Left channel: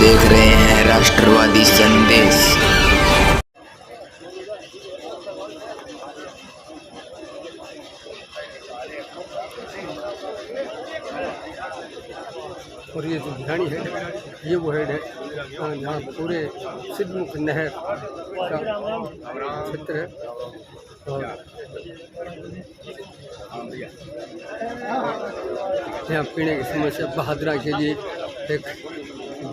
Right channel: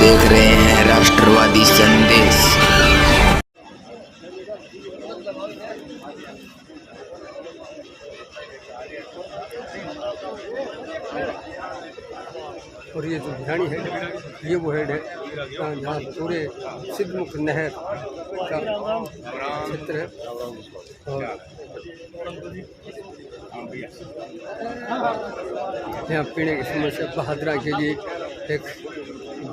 देख रहे हैं राष्ट्रवादी संदेश। और ये जो भिरानी हेड ये वो हेड है जहाँ पूरे सिद्धमुख नहर का क्षेत्र है। और यहाँ पीने की समस्या बहादुरा के लिए एक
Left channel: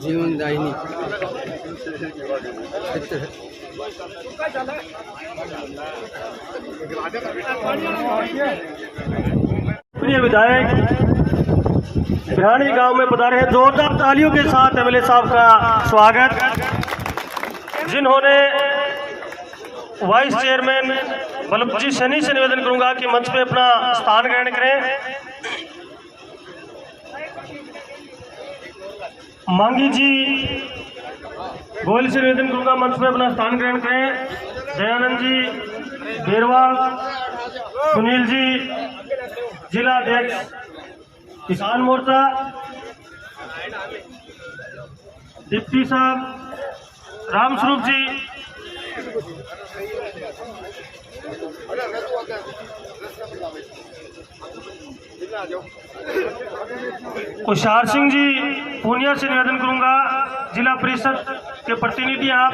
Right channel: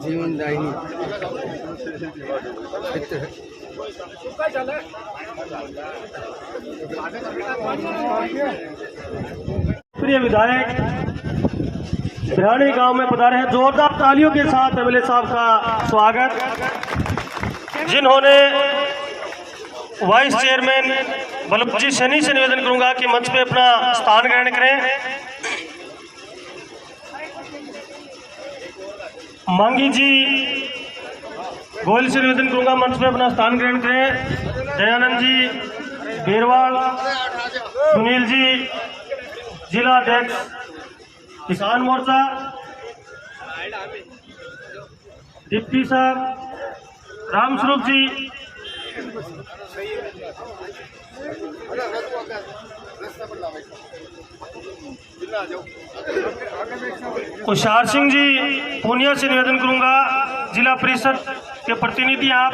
जीवनदायिनी क्षेत्र है। प्रिय विधायक भिरानी गांव में पधारे हैं। जोरदार तालियों के साथ एमएलए साहब का स्वागत, जिन्होंने वाइस चेयरमैन बल्लभ जी सैनी से निवेदन करूंगा कि मंच पे अपना स्थान ग्रहण करें। मांगी जी गोयल से निवेदन करूंगा मंच पे अपना स्थान ग्रहण करें। दयानंद जी बेरवाल, सुनील जी जिला अध्यक्ष किसान मोर्चा, डिप्टी साहब रामस्वरूप जी, तुषार सिंह जी पूनिया से निवेदन करूंगा, जिला परिषद के प्रतिनिधि आप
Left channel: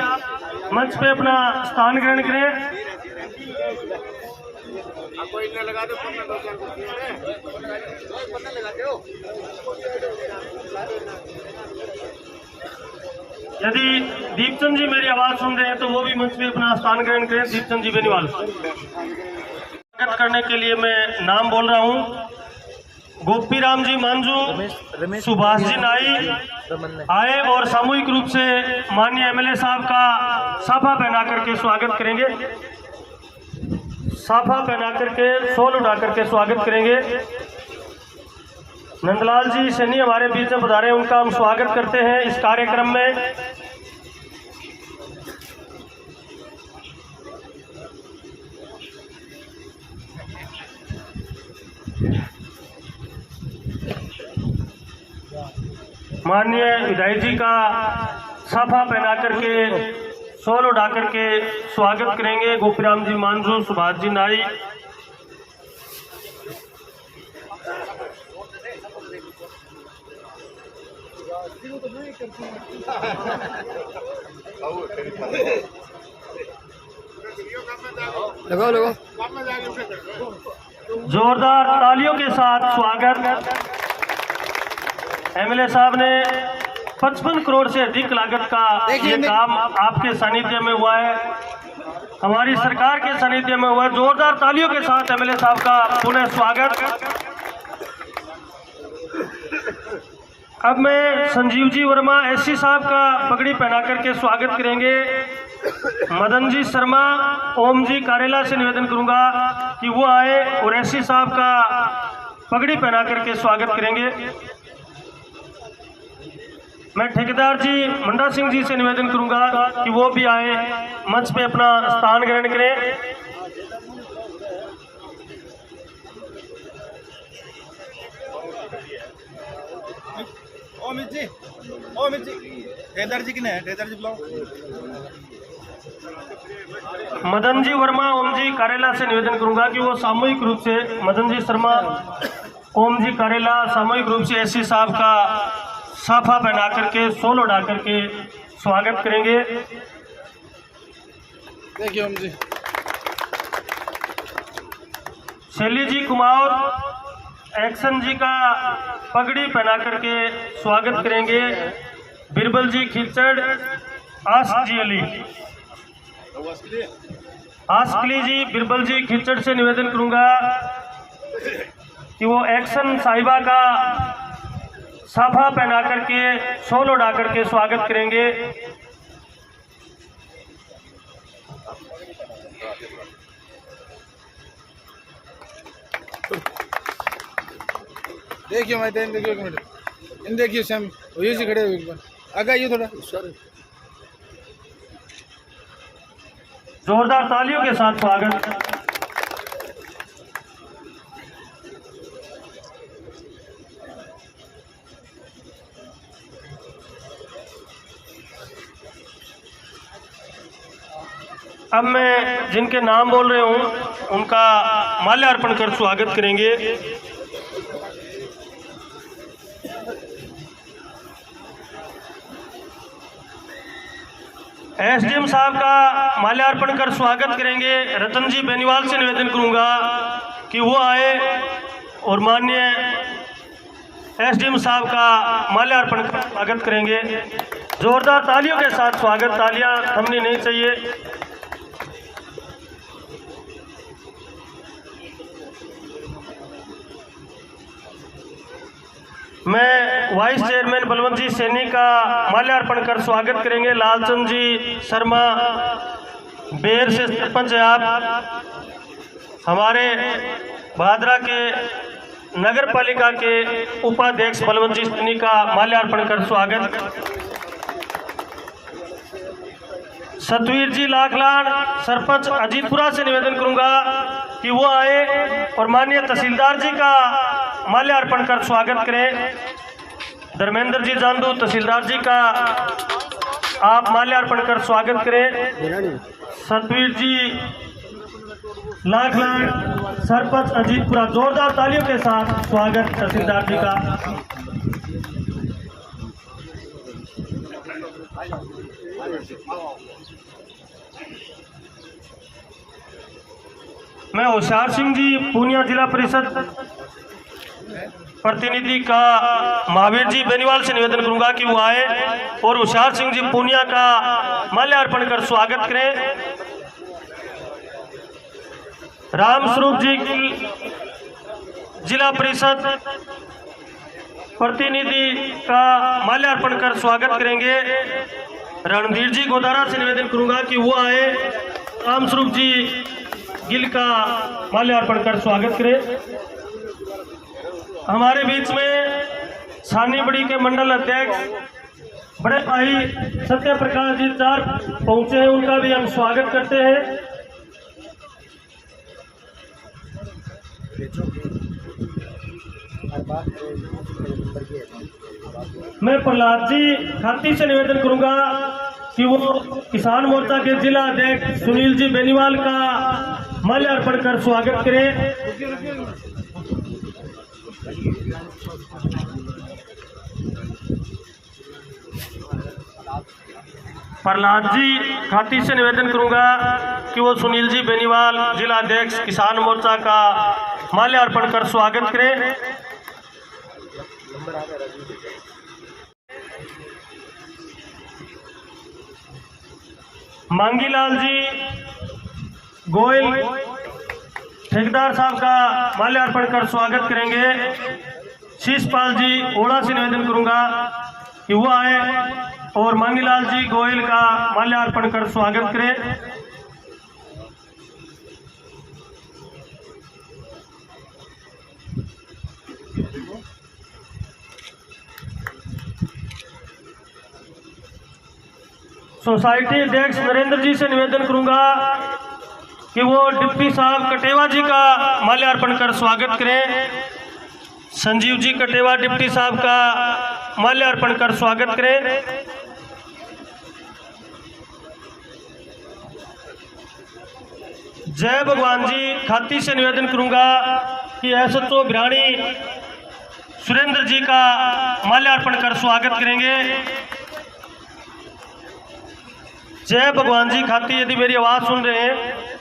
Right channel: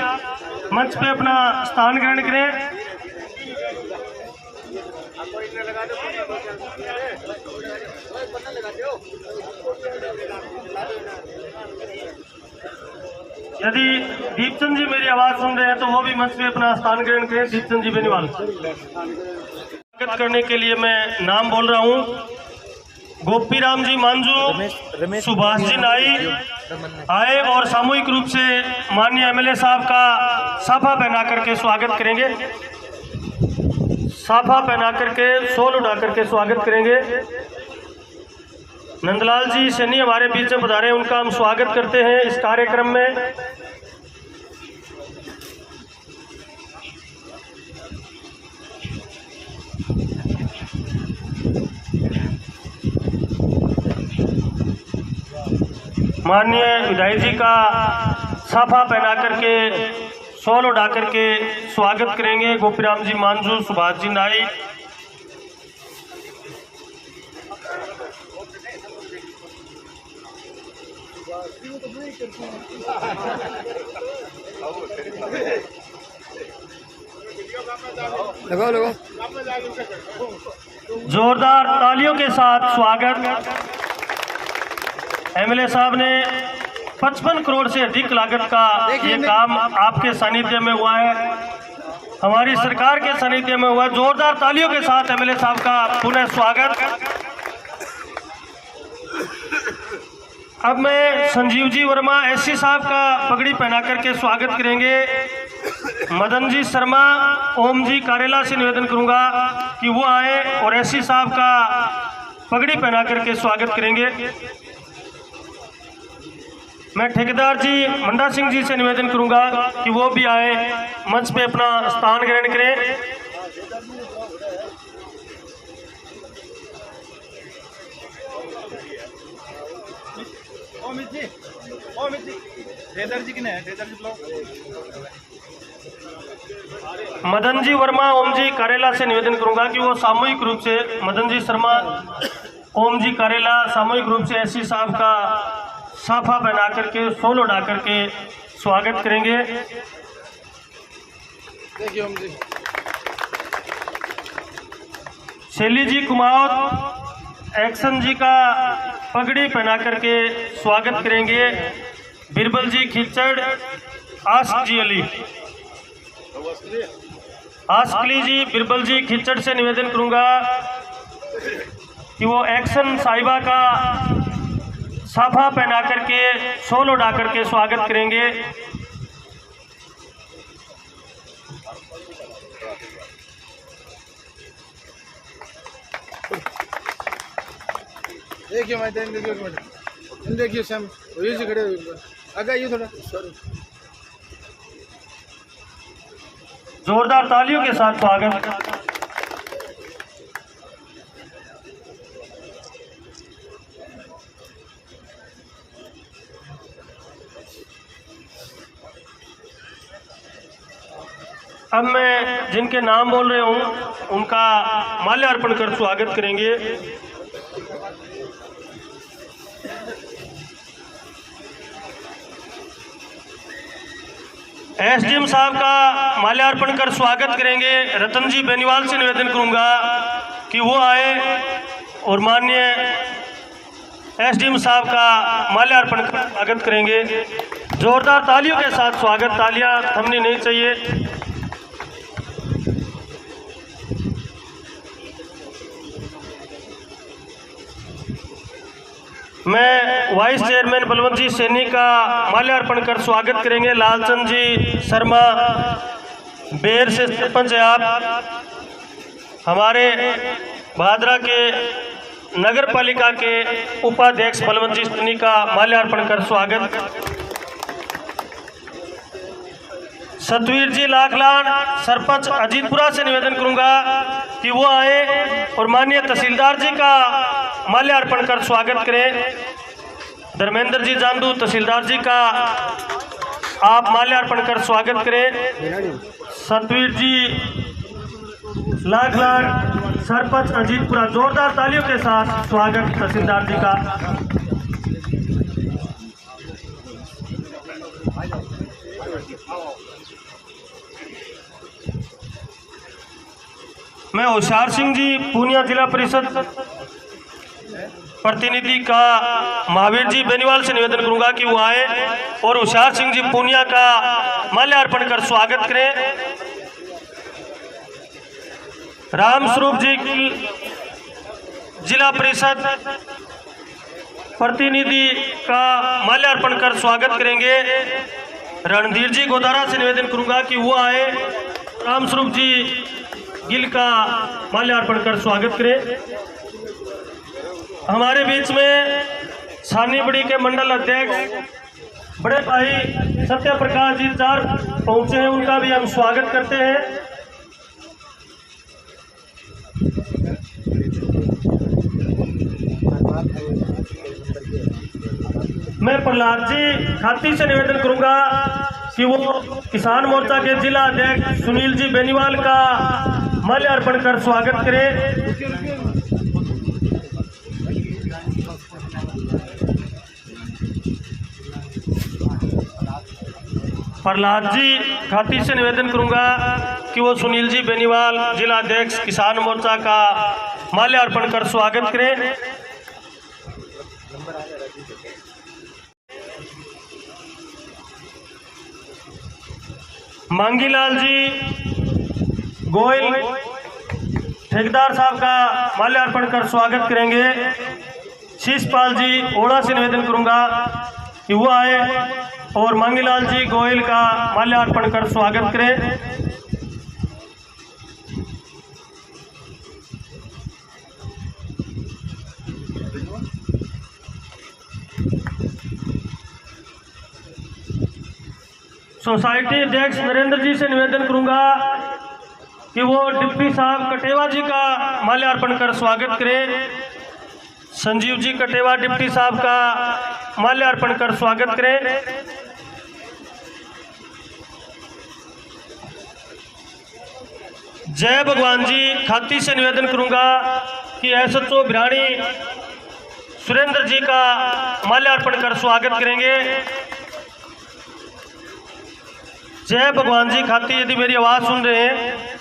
मंच पे अपना स्थान ग्रहण करें। यदि दीपचंद जी मेरी आवाज सुन रहे हैं तो वो भी मंच पे अपना स्थान ग्रहण करें। दीपचंद जी बेनीवाल। स्वागत करने के लिए मैं नाम बोल रहा हूँ। गोपी राम जी मांझू, सुभाष जी नाई आए और सामूहिक रूप से माननीय एमएलए साहब का साफा पहना करके स्वागत करेंगे। साफा पहना करके शॉल उड़ा करके स्वागत करेंगे। नंदलाल जी सैनी हमारे बीच में पधारे, उनका हम स्वागत करते हैं इस कार्यक्रम में। माननीय विधायक जी का साफा पहना करके शॉल उड़ा करके स्वागत करेंगे गोपीराम जी मांझू, सुभाष जी नाई। लगाओ जोरदार तालियों के साथ स्वागत। एमएलए साहब ने 55 करोड़ से अधिक लागत का ये काम आपके सानिध्य में हुआ है, हमारी सरकार के सानिध्य में हुआ है। जोरदार तालियों के साथ एमएलए साहब का पुनः स्वागत। अब मैं संजीव जी वर्मा एससी साहब का पगड़ी पहना करके स्वागत करेंगे। मदन जी शर्मा, ओम जी कारेला से निवेदन करूंगा कि वो आए और एससी साहब का पगड़ी पहना करके स्वागत करेंगे। मैं ठेकेदार जी मंडा सिंह जी से निवेदन करूंगा कि वो भी आए, मंच पे अपना स्थान ग्रहण करें। मदन जी वर्मा, ओम जी कारेला से निवेदन करूंगा कि वो सामूहिक रूप से, मदन जी शर्मा, ओम जी कारेला सामूहिक रूप से एससी साहब का साफा पहना करके शॉल उड़ा करके स्वागत करेंगे। देखिए ओम जी। शैली जी कुमार एक्शन जी का पगड़ी पहना करके स्वागत करेंगे। बिरबल जी खिचड़, आस्क जी अली, आस्कली जी बिरबल जी खिचड़ से निवेदन करूंगा कि वो एक्शन साहिबा का साफा पहना करके शॉल उड़ा करके स्वागत करेंगे। देखिए मैं देखिए एक मिनट, इन देखिए सैम ये से खड़े हुए आगे आइए थोड़ा। जोरदार तालियों के साथ स्वागत। अब मैं जिनके नाम बोल रहे हूँ उनका माल्यार्पण कर स्वागत करेंगे। एसडीएम साहब का माल्यार्पण कर स्वागत करेंगे। रतन जी बेनीवाल से निवेदन करूंगा कि वो आए और माननीय एसडीएम साहब का माल्यार्पण कर स्वागत करेंगे। जोरदार तालियों के साथ स्वागत, तालियां थमनी नहीं चाहिए। मैं वाइस चेयरमैन बलवंत जी सैनी का माल्यार्पण कर स्वागत करेंगे। लालचंद जी शर्मा बेर से सरपंच है आप। हमारे भादरा के नगर पालिका के उपाध्यक्ष बलवंत जी सैनी का माल्यार्पण कर स्वागत। सतवीर जी लाखलान सरपंच अजीतपुरा से निवेदन करूंगा कि वो आए और माननीय तहसीलदार जी का माल्यार्पण कर स्वागत करें। धर्मेंद्र जी जांदू तहसीलदार जी का आप माल्यार्पण कर स्वागत करें। सतवीर जी लाखलान सरपंच अजीतपुरा, जोरदार तालियों के साथ स्वागत तहसीलदार जी का। मैं होशियार सिंह जी पूनिया जिला परिषद प्रतिनिधि का महावीर जी बेनीवाल से निवेदन करूंगा कि वो आए और होशियार सिंह जी पूनिया का माल्यार्पण कर स्वागत करें। राम स्वरूप जी जिला परिषद प्रतिनिधि का माल्यार्पण कर स्वागत करेंगे। रणधीर जी गोदारा से निवेदन करूंगा कि वो आए, राम स्वरूप जी गिल का माल्यार्पण कर स्वागत करें। हमारे बीच में छानी बड़ी के मंडल अध्यक्ष बड़े भाई सत्य प्रकाश जी चार पहुंचे हैं, उनका भी हम स्वागत करते हैं। मैं प्रहलाद जी खाती से निवेदन करूंगा कि वो किसान मोर्चा के जिला अध्यक्ष सुनील जी बेनीवाल का माल्यार्पण कर स्वागत करें। प्रहलाद जी खाती से निवेदन करूंगा कि वो सुनील जी बेनीवाल जिला अध्यक्ष किसान मोर्चा का माल्यार्पण कर स्वागत करें। मांगीलाल जी गोयल ठेकेदार साहब का माल्यार्पण कर स्वागत करेंगे। शीशपाल जी ओड़ा से निवेदन करूंगा कि वो आए और मांगीलाल जी गोयल का माल्यार्पण कर स्वागत करें। सोसाइटी अध्यक्ष नरेंद्र जी से निवेदन करूंगा कि वो डिप्टी साहब कटेवा जी का माल्यार्पण कर स्वागत करें। संजीव जी कटेवा डिप्टी साहब का माल्यार्पण कर स्वागत करें। जय भगवान जी खाती से निवेदन करूंगा कि एसएचओ भिराणी सुरेंद्र जी का माल्यार्पण कर स्वागत करेंगे। जय भगवान जी खाती यदि मेरी आवाज सुन रहे हैं,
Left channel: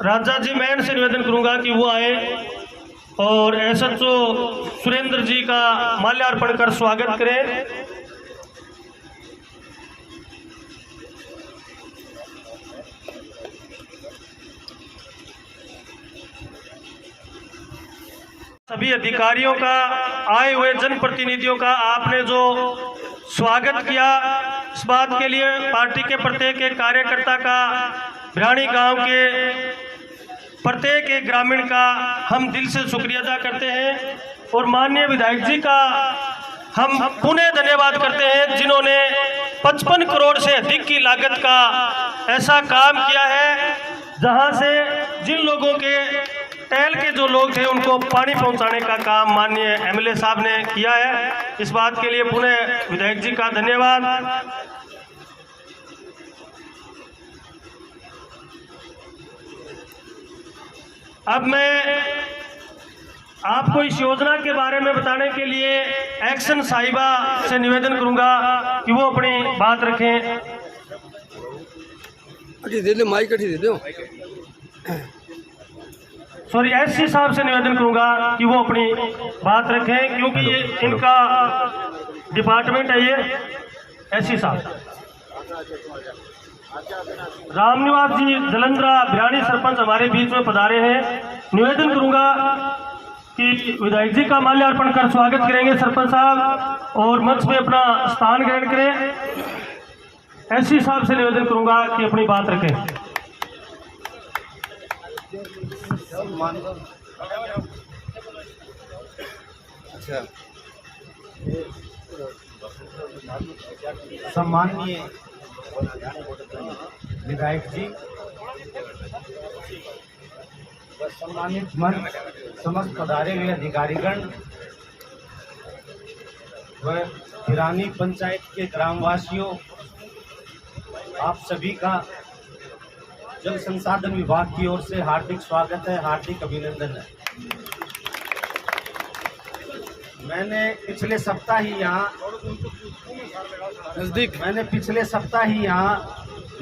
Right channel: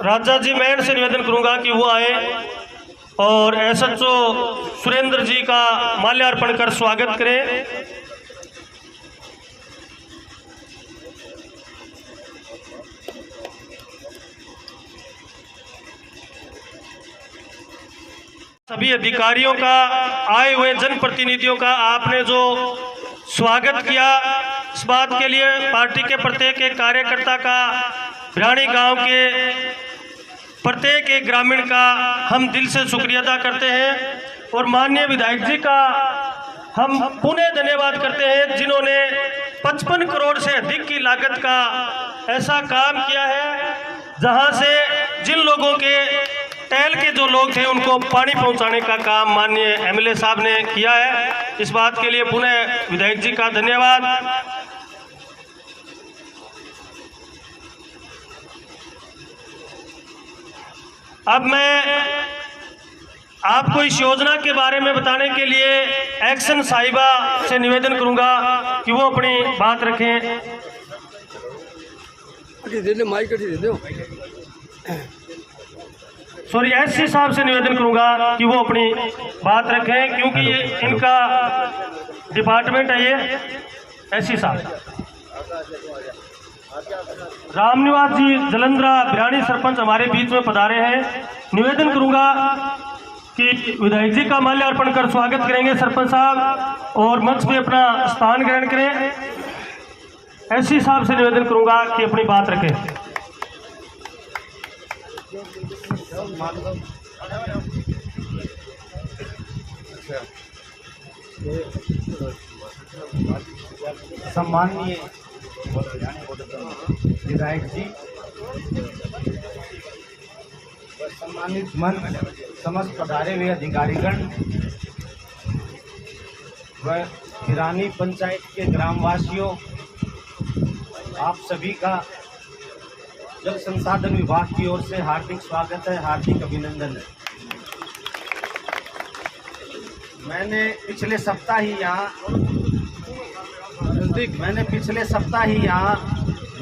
राजा जी मैन से निवेदन करूंगा कि वो आए और एसएचओ सुरेंद्र जी का माल्यार्पण कर स्वागत करें। सभी अधिकारियों का, आए हुए जनप्रतिनिधियों का आपने जो स्वागत किया, इस बात के लिए पार्टी के प्रत्येक एक कार्यकर्ता का, भिराणी गांव के प्रत्येक एक ग्रामीण का हम दिल से शुक्रिया अदा करते हैं और माननीय विधायक जी का हम पुनः धन्यवाद करते हैं जिन्होंने 55 करोड़ से अधिक की लागत का ऐसा काम किया है, जहां से जिन लोगों के टहल के जो लोग थे उनको पानी पहुंचाने का काम माननीय एमएलए साहब ने किया है। इस बात के लिए पुनः विधायक जी का धन्यवाद। अब मैं आपको इस योजना के बारे में बताने के लिए एक्शन साहिबा से निवेदन करूंगा कि वो अपनी बात रखें। अटी दे दो, माइक अटी दे दो। सॉरी, एससी साहब से निवेदन करूंगा कि वो अपनी बात रखें, क्योंकि ये इनका डिपार्टमेंट है। ये एससी साहब रामनिवास जी जलंधरा बिरानी सरपंच हमारे बीच में पधारे हैं। निवेदन करूंगा कि विधायक जी का माल्यार्पण कर स्वागत करेंगे सरपंच साहब और मंच में अपना स्थान ग्रहण करें। एससी साहब से निवेदन करूंगा कि अपनी बात रखें। सम्माननीय विधायक जी व सम्मानित मंच, समस्त पधारे हुए अधिकारीगण व बिरानी पंचायत के ग्रामवासियों, आप सभी का जल संसाधन विभाग की ओर से हार्दिक स्वागत है, हार्दिक अभिनंदन है। मैंने पिछले सप्ताह ही यहाँ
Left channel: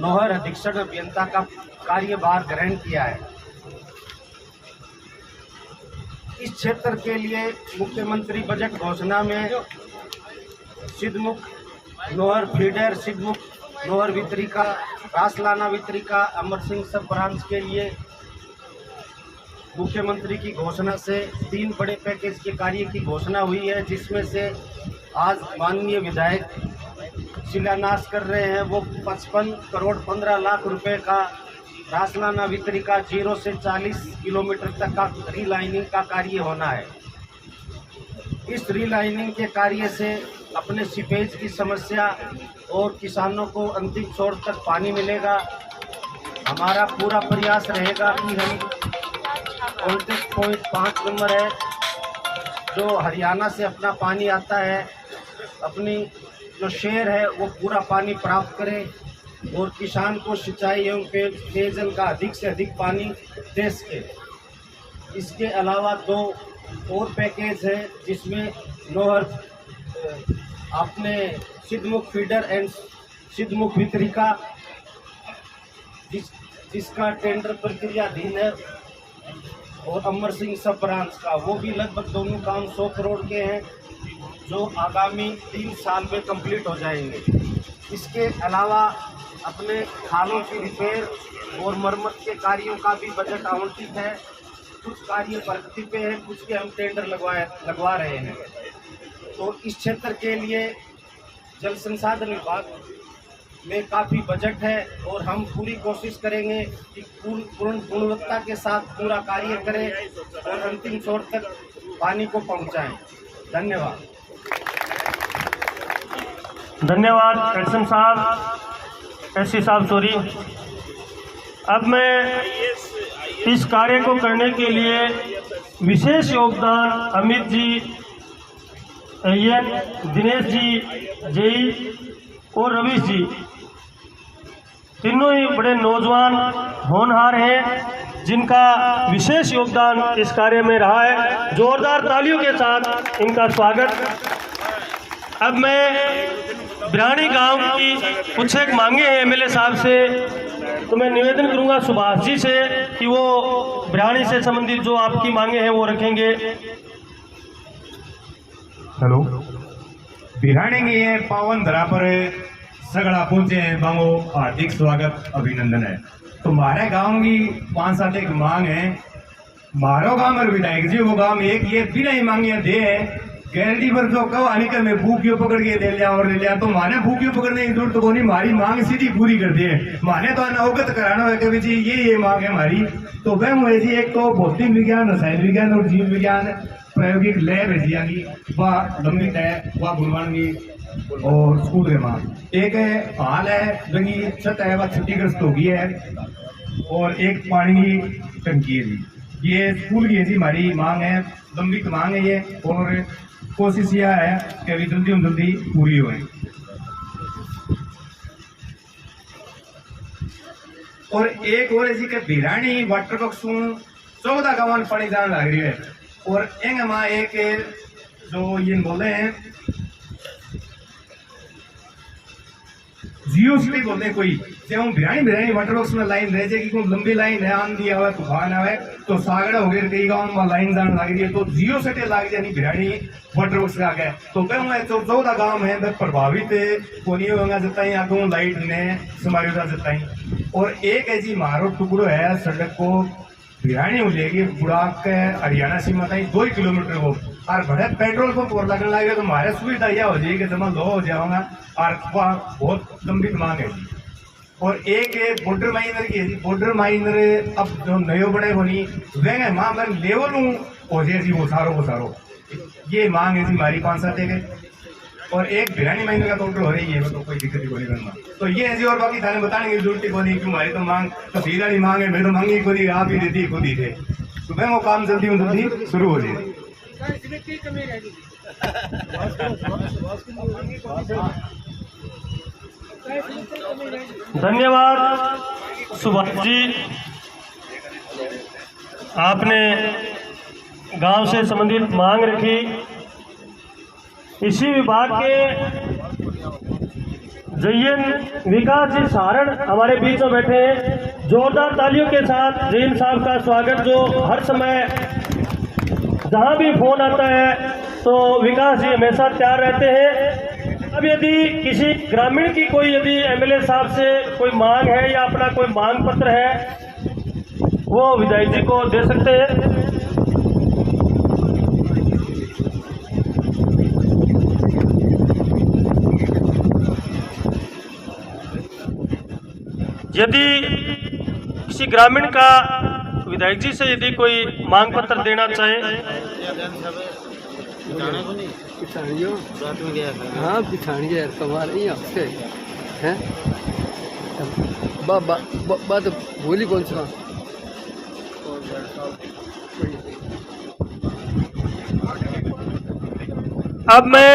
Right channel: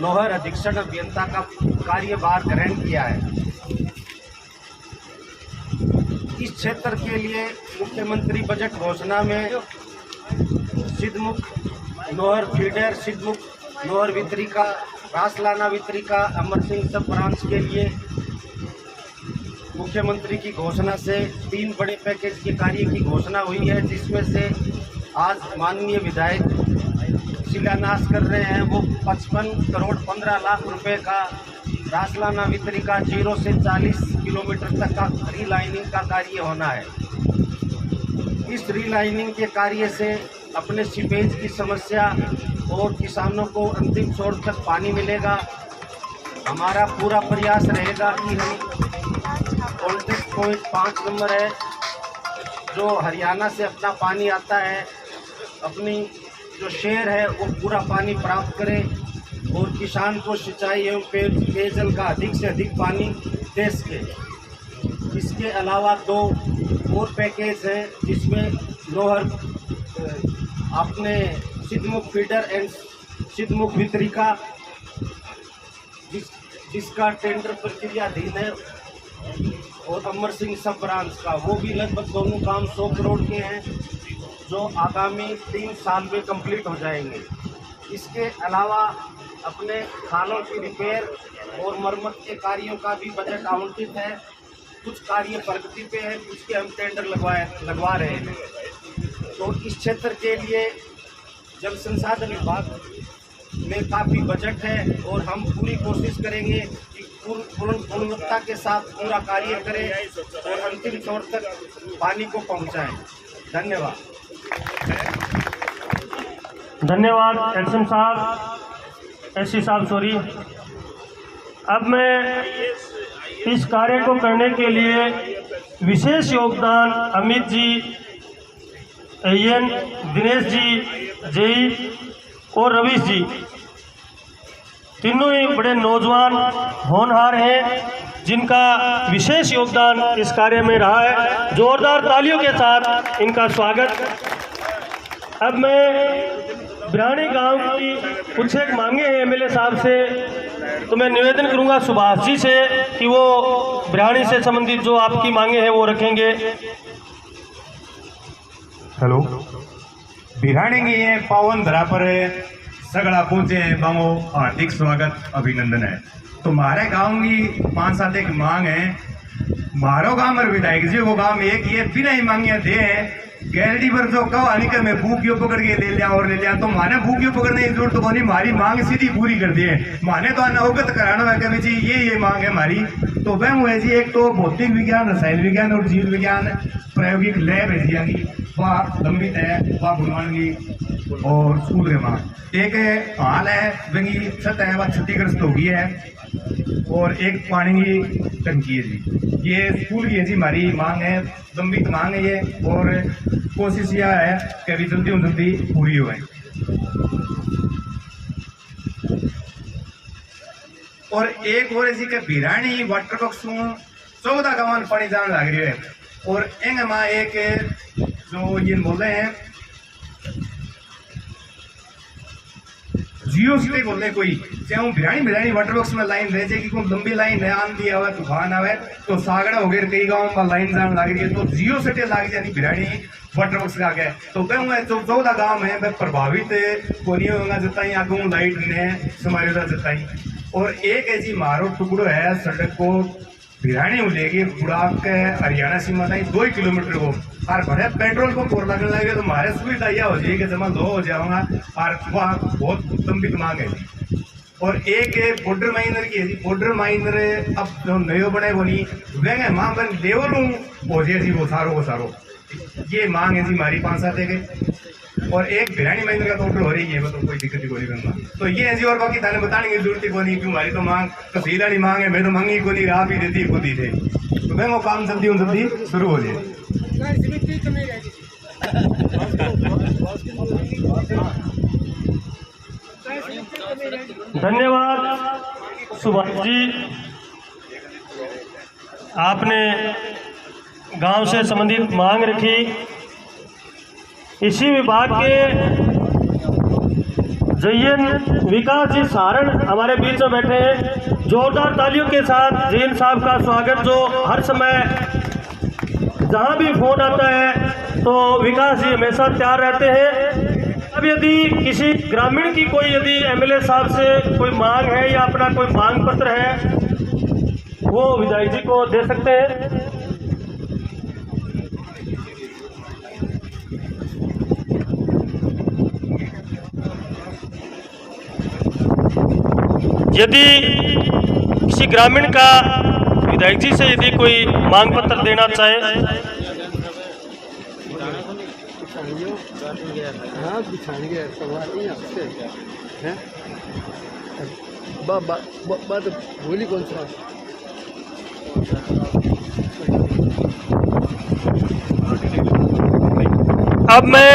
नोहर अधीक्षण अभियंता का कार्यभार ग्रहण किया है। इस क्षेत्र के लिए मुख्यमंत्री बजट घोषणा में सिद्धमुख नोहर फीडर, सिद्धमुख नोहर वितरिका, रासलाना वितरिका, अमर सिंह सब ब्रांच के लिए मुख्यमंत्री की घोषणा से 3 बड़े पैकेज के कार्य की घोषणा हुई है, जिसमें से आज माननीय विधायक शिलान्यास कर रहे हैं। वो 55 करोड़ 15 लाख रुपए का रासलाना वितरिका 0 से 40 किलोमीटर तक का रीलाइनिंग का कार्य होना है। इस रीलाइनिंग के कार्य से अपने सीपेज की समस्या और किसानों को अंतिम छोर तक पानी मिलेगा। हमारा पूरा प्रयास रहेगा कि हम कॉन्टेक्ट पॉइंट 5 नंबर है जो हरियाणा से अपना पानी आता है, अपनी जो शेयर है वो पूरा पानी प्राप्त करें और किसान को सिंचाई एवं पेयजल का अधिक से अधिक पानी दे सके। इसके अलावा 2 और पैकेज हैं, जिसमें नोहर अपने सिद्धमुख फीडर एंड सिद्धमुख वितरिका जिसका टेंडर प्रक्रियाधीन है, और अमर सिंह सब ब्रांच का, वो भी लगभग दोनों काम 100 करोड़ के हैं, जो आगामी 3 साल में कंप्लीट हो जाएंगे। इसके अलावा अपने खालों की रिपेयर और मरम्मत के कार्यों का भी बजट आवंटित है। कुछ कार्य प्रगति पे है, कुछ के हम टेंडर लगवा रहे हैं। तो इस क्षेत्र के लिए जल संसाधन विभाग में काफ़ी बजट है और हम पूरी कोशिश करेंगे कि पूर्ण गुणवत्ता के साथ पूरा कार्य करें और अंतिम छोर तक पानी को पहुंचाएं। धन्यवाद। धन्यवाद एक्शन साहब, एससी साहब सॉरी। अब मैं इस कार्य को करने के लिए विशेष योगदान अमित जी, एन, दिनेश जी, जेई और रवीश जी, तीनों ही बड़े नौजवान होनहार हैं, जिनका विशेष योगदान इस कार्य में रहा है। जोरदार तालियों के साथ इनका स्वागत। अब मैं बिरानी गांव की कुछ एक मांगे हैं एमएलए साहब से, तो मैं निवेदन करूंगा सुभाष जी से कि वो बिरानी से संबंधित जो आपकी मांगे हैं वो रखेंगे। हेलो, बिरानी की ये पावन धरा पर सगड़ा पहुंचे हैं, बांगो हार्दिक स्वागत अभिनंदन है। तो हमारे गांव की 5-7 एक मांग है। मारो गांव और विधायक जी को गांव में एक ये बिना ही मांगियां दे है गैलरी पर जो कहो आनी के मैं भूखियों पकड़ के ले लिया और ले लिया, तो माने भूखियों पकड़ने की जरूरत तो नहीं, हमारी मांग सीधी पूरी कर दी है। माने तो अवगत कराना है कभी जी ये मांग है हमारी। तो वह हुए जी एक तो भौतिक विज्ञान, रसायन विज्ञान और जीव विज्ञान प्रायोगिक लैब है जी की, वह लंबित है, वह गुणवान की और स्कूल के माँ एक हाल है वही छत है, वह क्षतिग्रस्त हो गई है, और एक पानी की टंकी है जी। ये स्कूल की है जी हमारी मांग है, लंबित मांग है ये, और कोशिश यह है कि अभी जल्दी पूरी हो। और एक और ऐसी बिरानी वाटर बॉक्स 14 गाँव पानी जान लग रही है। और एंग माँ एक जो ये बोले हैं जियो सिटी बोलते कोई चाहे बिरानी वाटर बॉक्स में लाइन रह जाएगी, कोई लंबी लाइन है, आंधी आवे तूफान आवे तो सागड़ा हो गए कई गाँव में लाइन जान लग रही है, तो जियो सिटी लाग जानी बिरानी वाटर बॉक्स का गया तो मैं तो 14 गाँव है मैं प्रभावित कोनी होगा जताई आगू लाइट ने समायोजा जताई। और एक है जी मारो टुकड़ो है सड़क को बिरानी हो जाएगी बुढ़ाक के हरियाणा सीमा ताई 2 किलोमीटर को और बड़े पेट्रोल पंप और लगने लगे तो हमारे सुविधा यह हो जाएगी जमा लो हो जाऊंगा और वहाँ बहुत लंबी मांग है। और एक है बॉर्डर माइनर की है, बॉर्डर माइनर अब जो नयो बने वो नहीं वे माँ मैं लेवल हूँ हो जाए जी वो सारो ये मांग है जी हमारी 5-7 के। और एक बिरानी माइनर का तो ऑर्डर हो रही है तो कोई दिक्कत नहीं करना तो ये है जी। और बाकी थाने बताने की जरूरत को नहीं क्यों हमारी तो मांग तो सीधा नहीं मांग है, मेरे तो मांगी को नहीं आप ही देती खुद ही थे तो मैं वो काम जल्दी शुरू हो जाए। धन्यवाद सुभाष जी, आपने गांव से संबंधित मांग रखी। इसी विभाग के जयन विकास जी सारण हमारे बीच में बैठे हैं। जोरदार तालियों के साथ जैन साहब का स्वागत, जो हर समय जहां भी फोन आता है तो विकास जी हमेशा तैयार रहते हैं। अब यदि किसी ग्रामीण की कोई यदि एमएलए साहब से कोई मांग है या अपना कोई मांग पत्र है वो विधायक जी को दे सकते हैं। यदि किसी ग्रामीण का विधायक जी से यदि कोई मांग पत्र देना चाहे हाँ बिछान गया तुम्हारे यहाँ से हैं बात बोली कौन सा अब मैं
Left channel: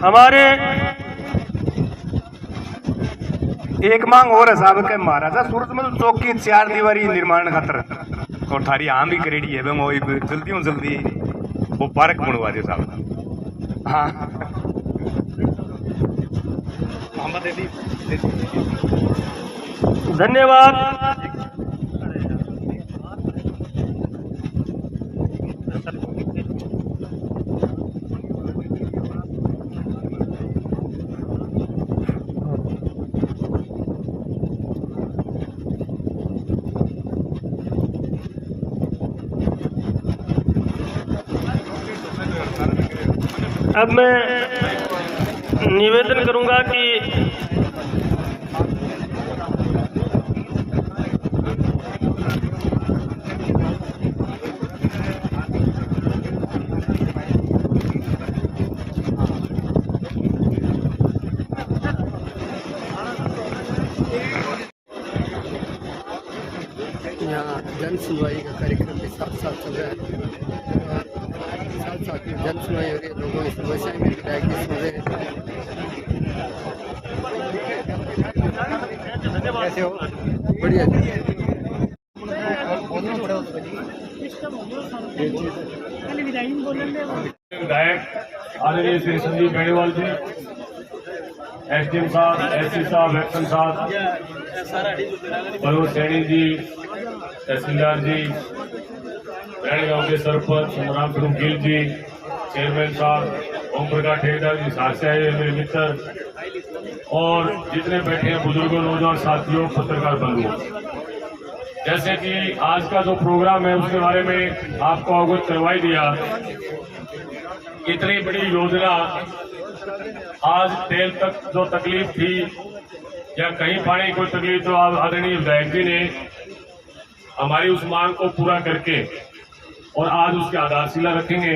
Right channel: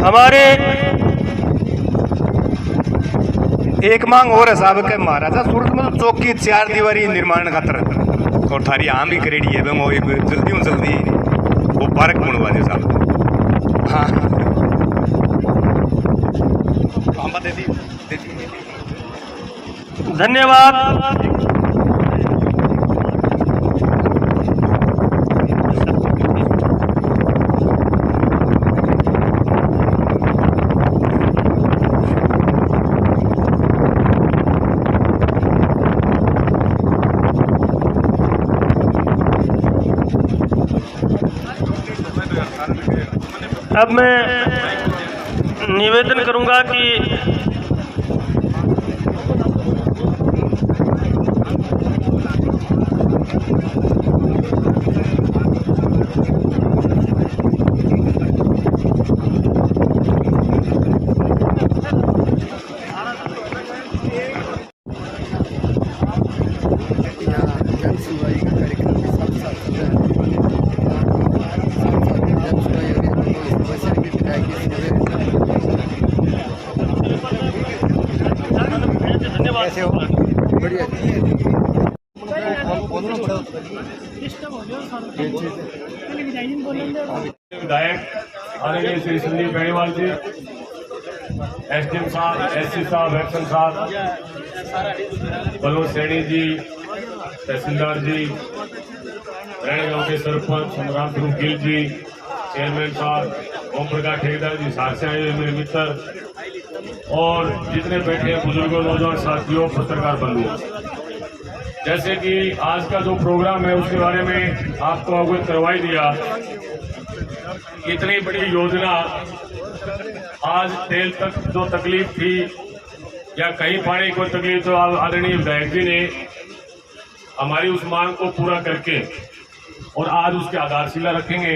हमारे एक मांग और है साहब के महाराजा सूरजमल चौक की 4 दीवारी निर्माण खातर और थारी आम भी करेड़ी है वो जल्दी वो पार्क बनवा दे साहब। हाँ धन्यवाद। अब मैं निवेदन करूंगा कि यहाँ जन सुनवाई का कार्यक्रम भी साथ साथ चल रहा है और साथ साथ जन सुनवाई हो रही है, लोगों की समस्याएं भी विधायक जी सुन रहे हैं। बढ़िया विधायक आदरणीय श्री संदीप बेनीवाल जी, एसडीएम साहब, एससी साहब, एक्शन साहब, बलवंत सैनी जी, तहसीलदार जी, रैणी गांव के सरपंच संग्राम ध्रुव गिल जी, चेयरमैन साहब, ओम प्रकाश ठेकेदार जी, साथ से आए हुए मेरे मित्र और जितने बैठे हैं बुजुर्गों, नौजवान साथियों, पत्रकार बंधुओं, जैसे कि आज का जो प्रोग्राम है उसके बारे में आपको अवगत करवाई दिया। इतनी बड़ी योजना, आज तेल तक जो तकलीफ थी या कहीं पानी को तकलीफ, तो आदरणीय विधायक जी ने हमारी उस मांग को पूरा करके और आज उसकी आधारशिला रखेंगे।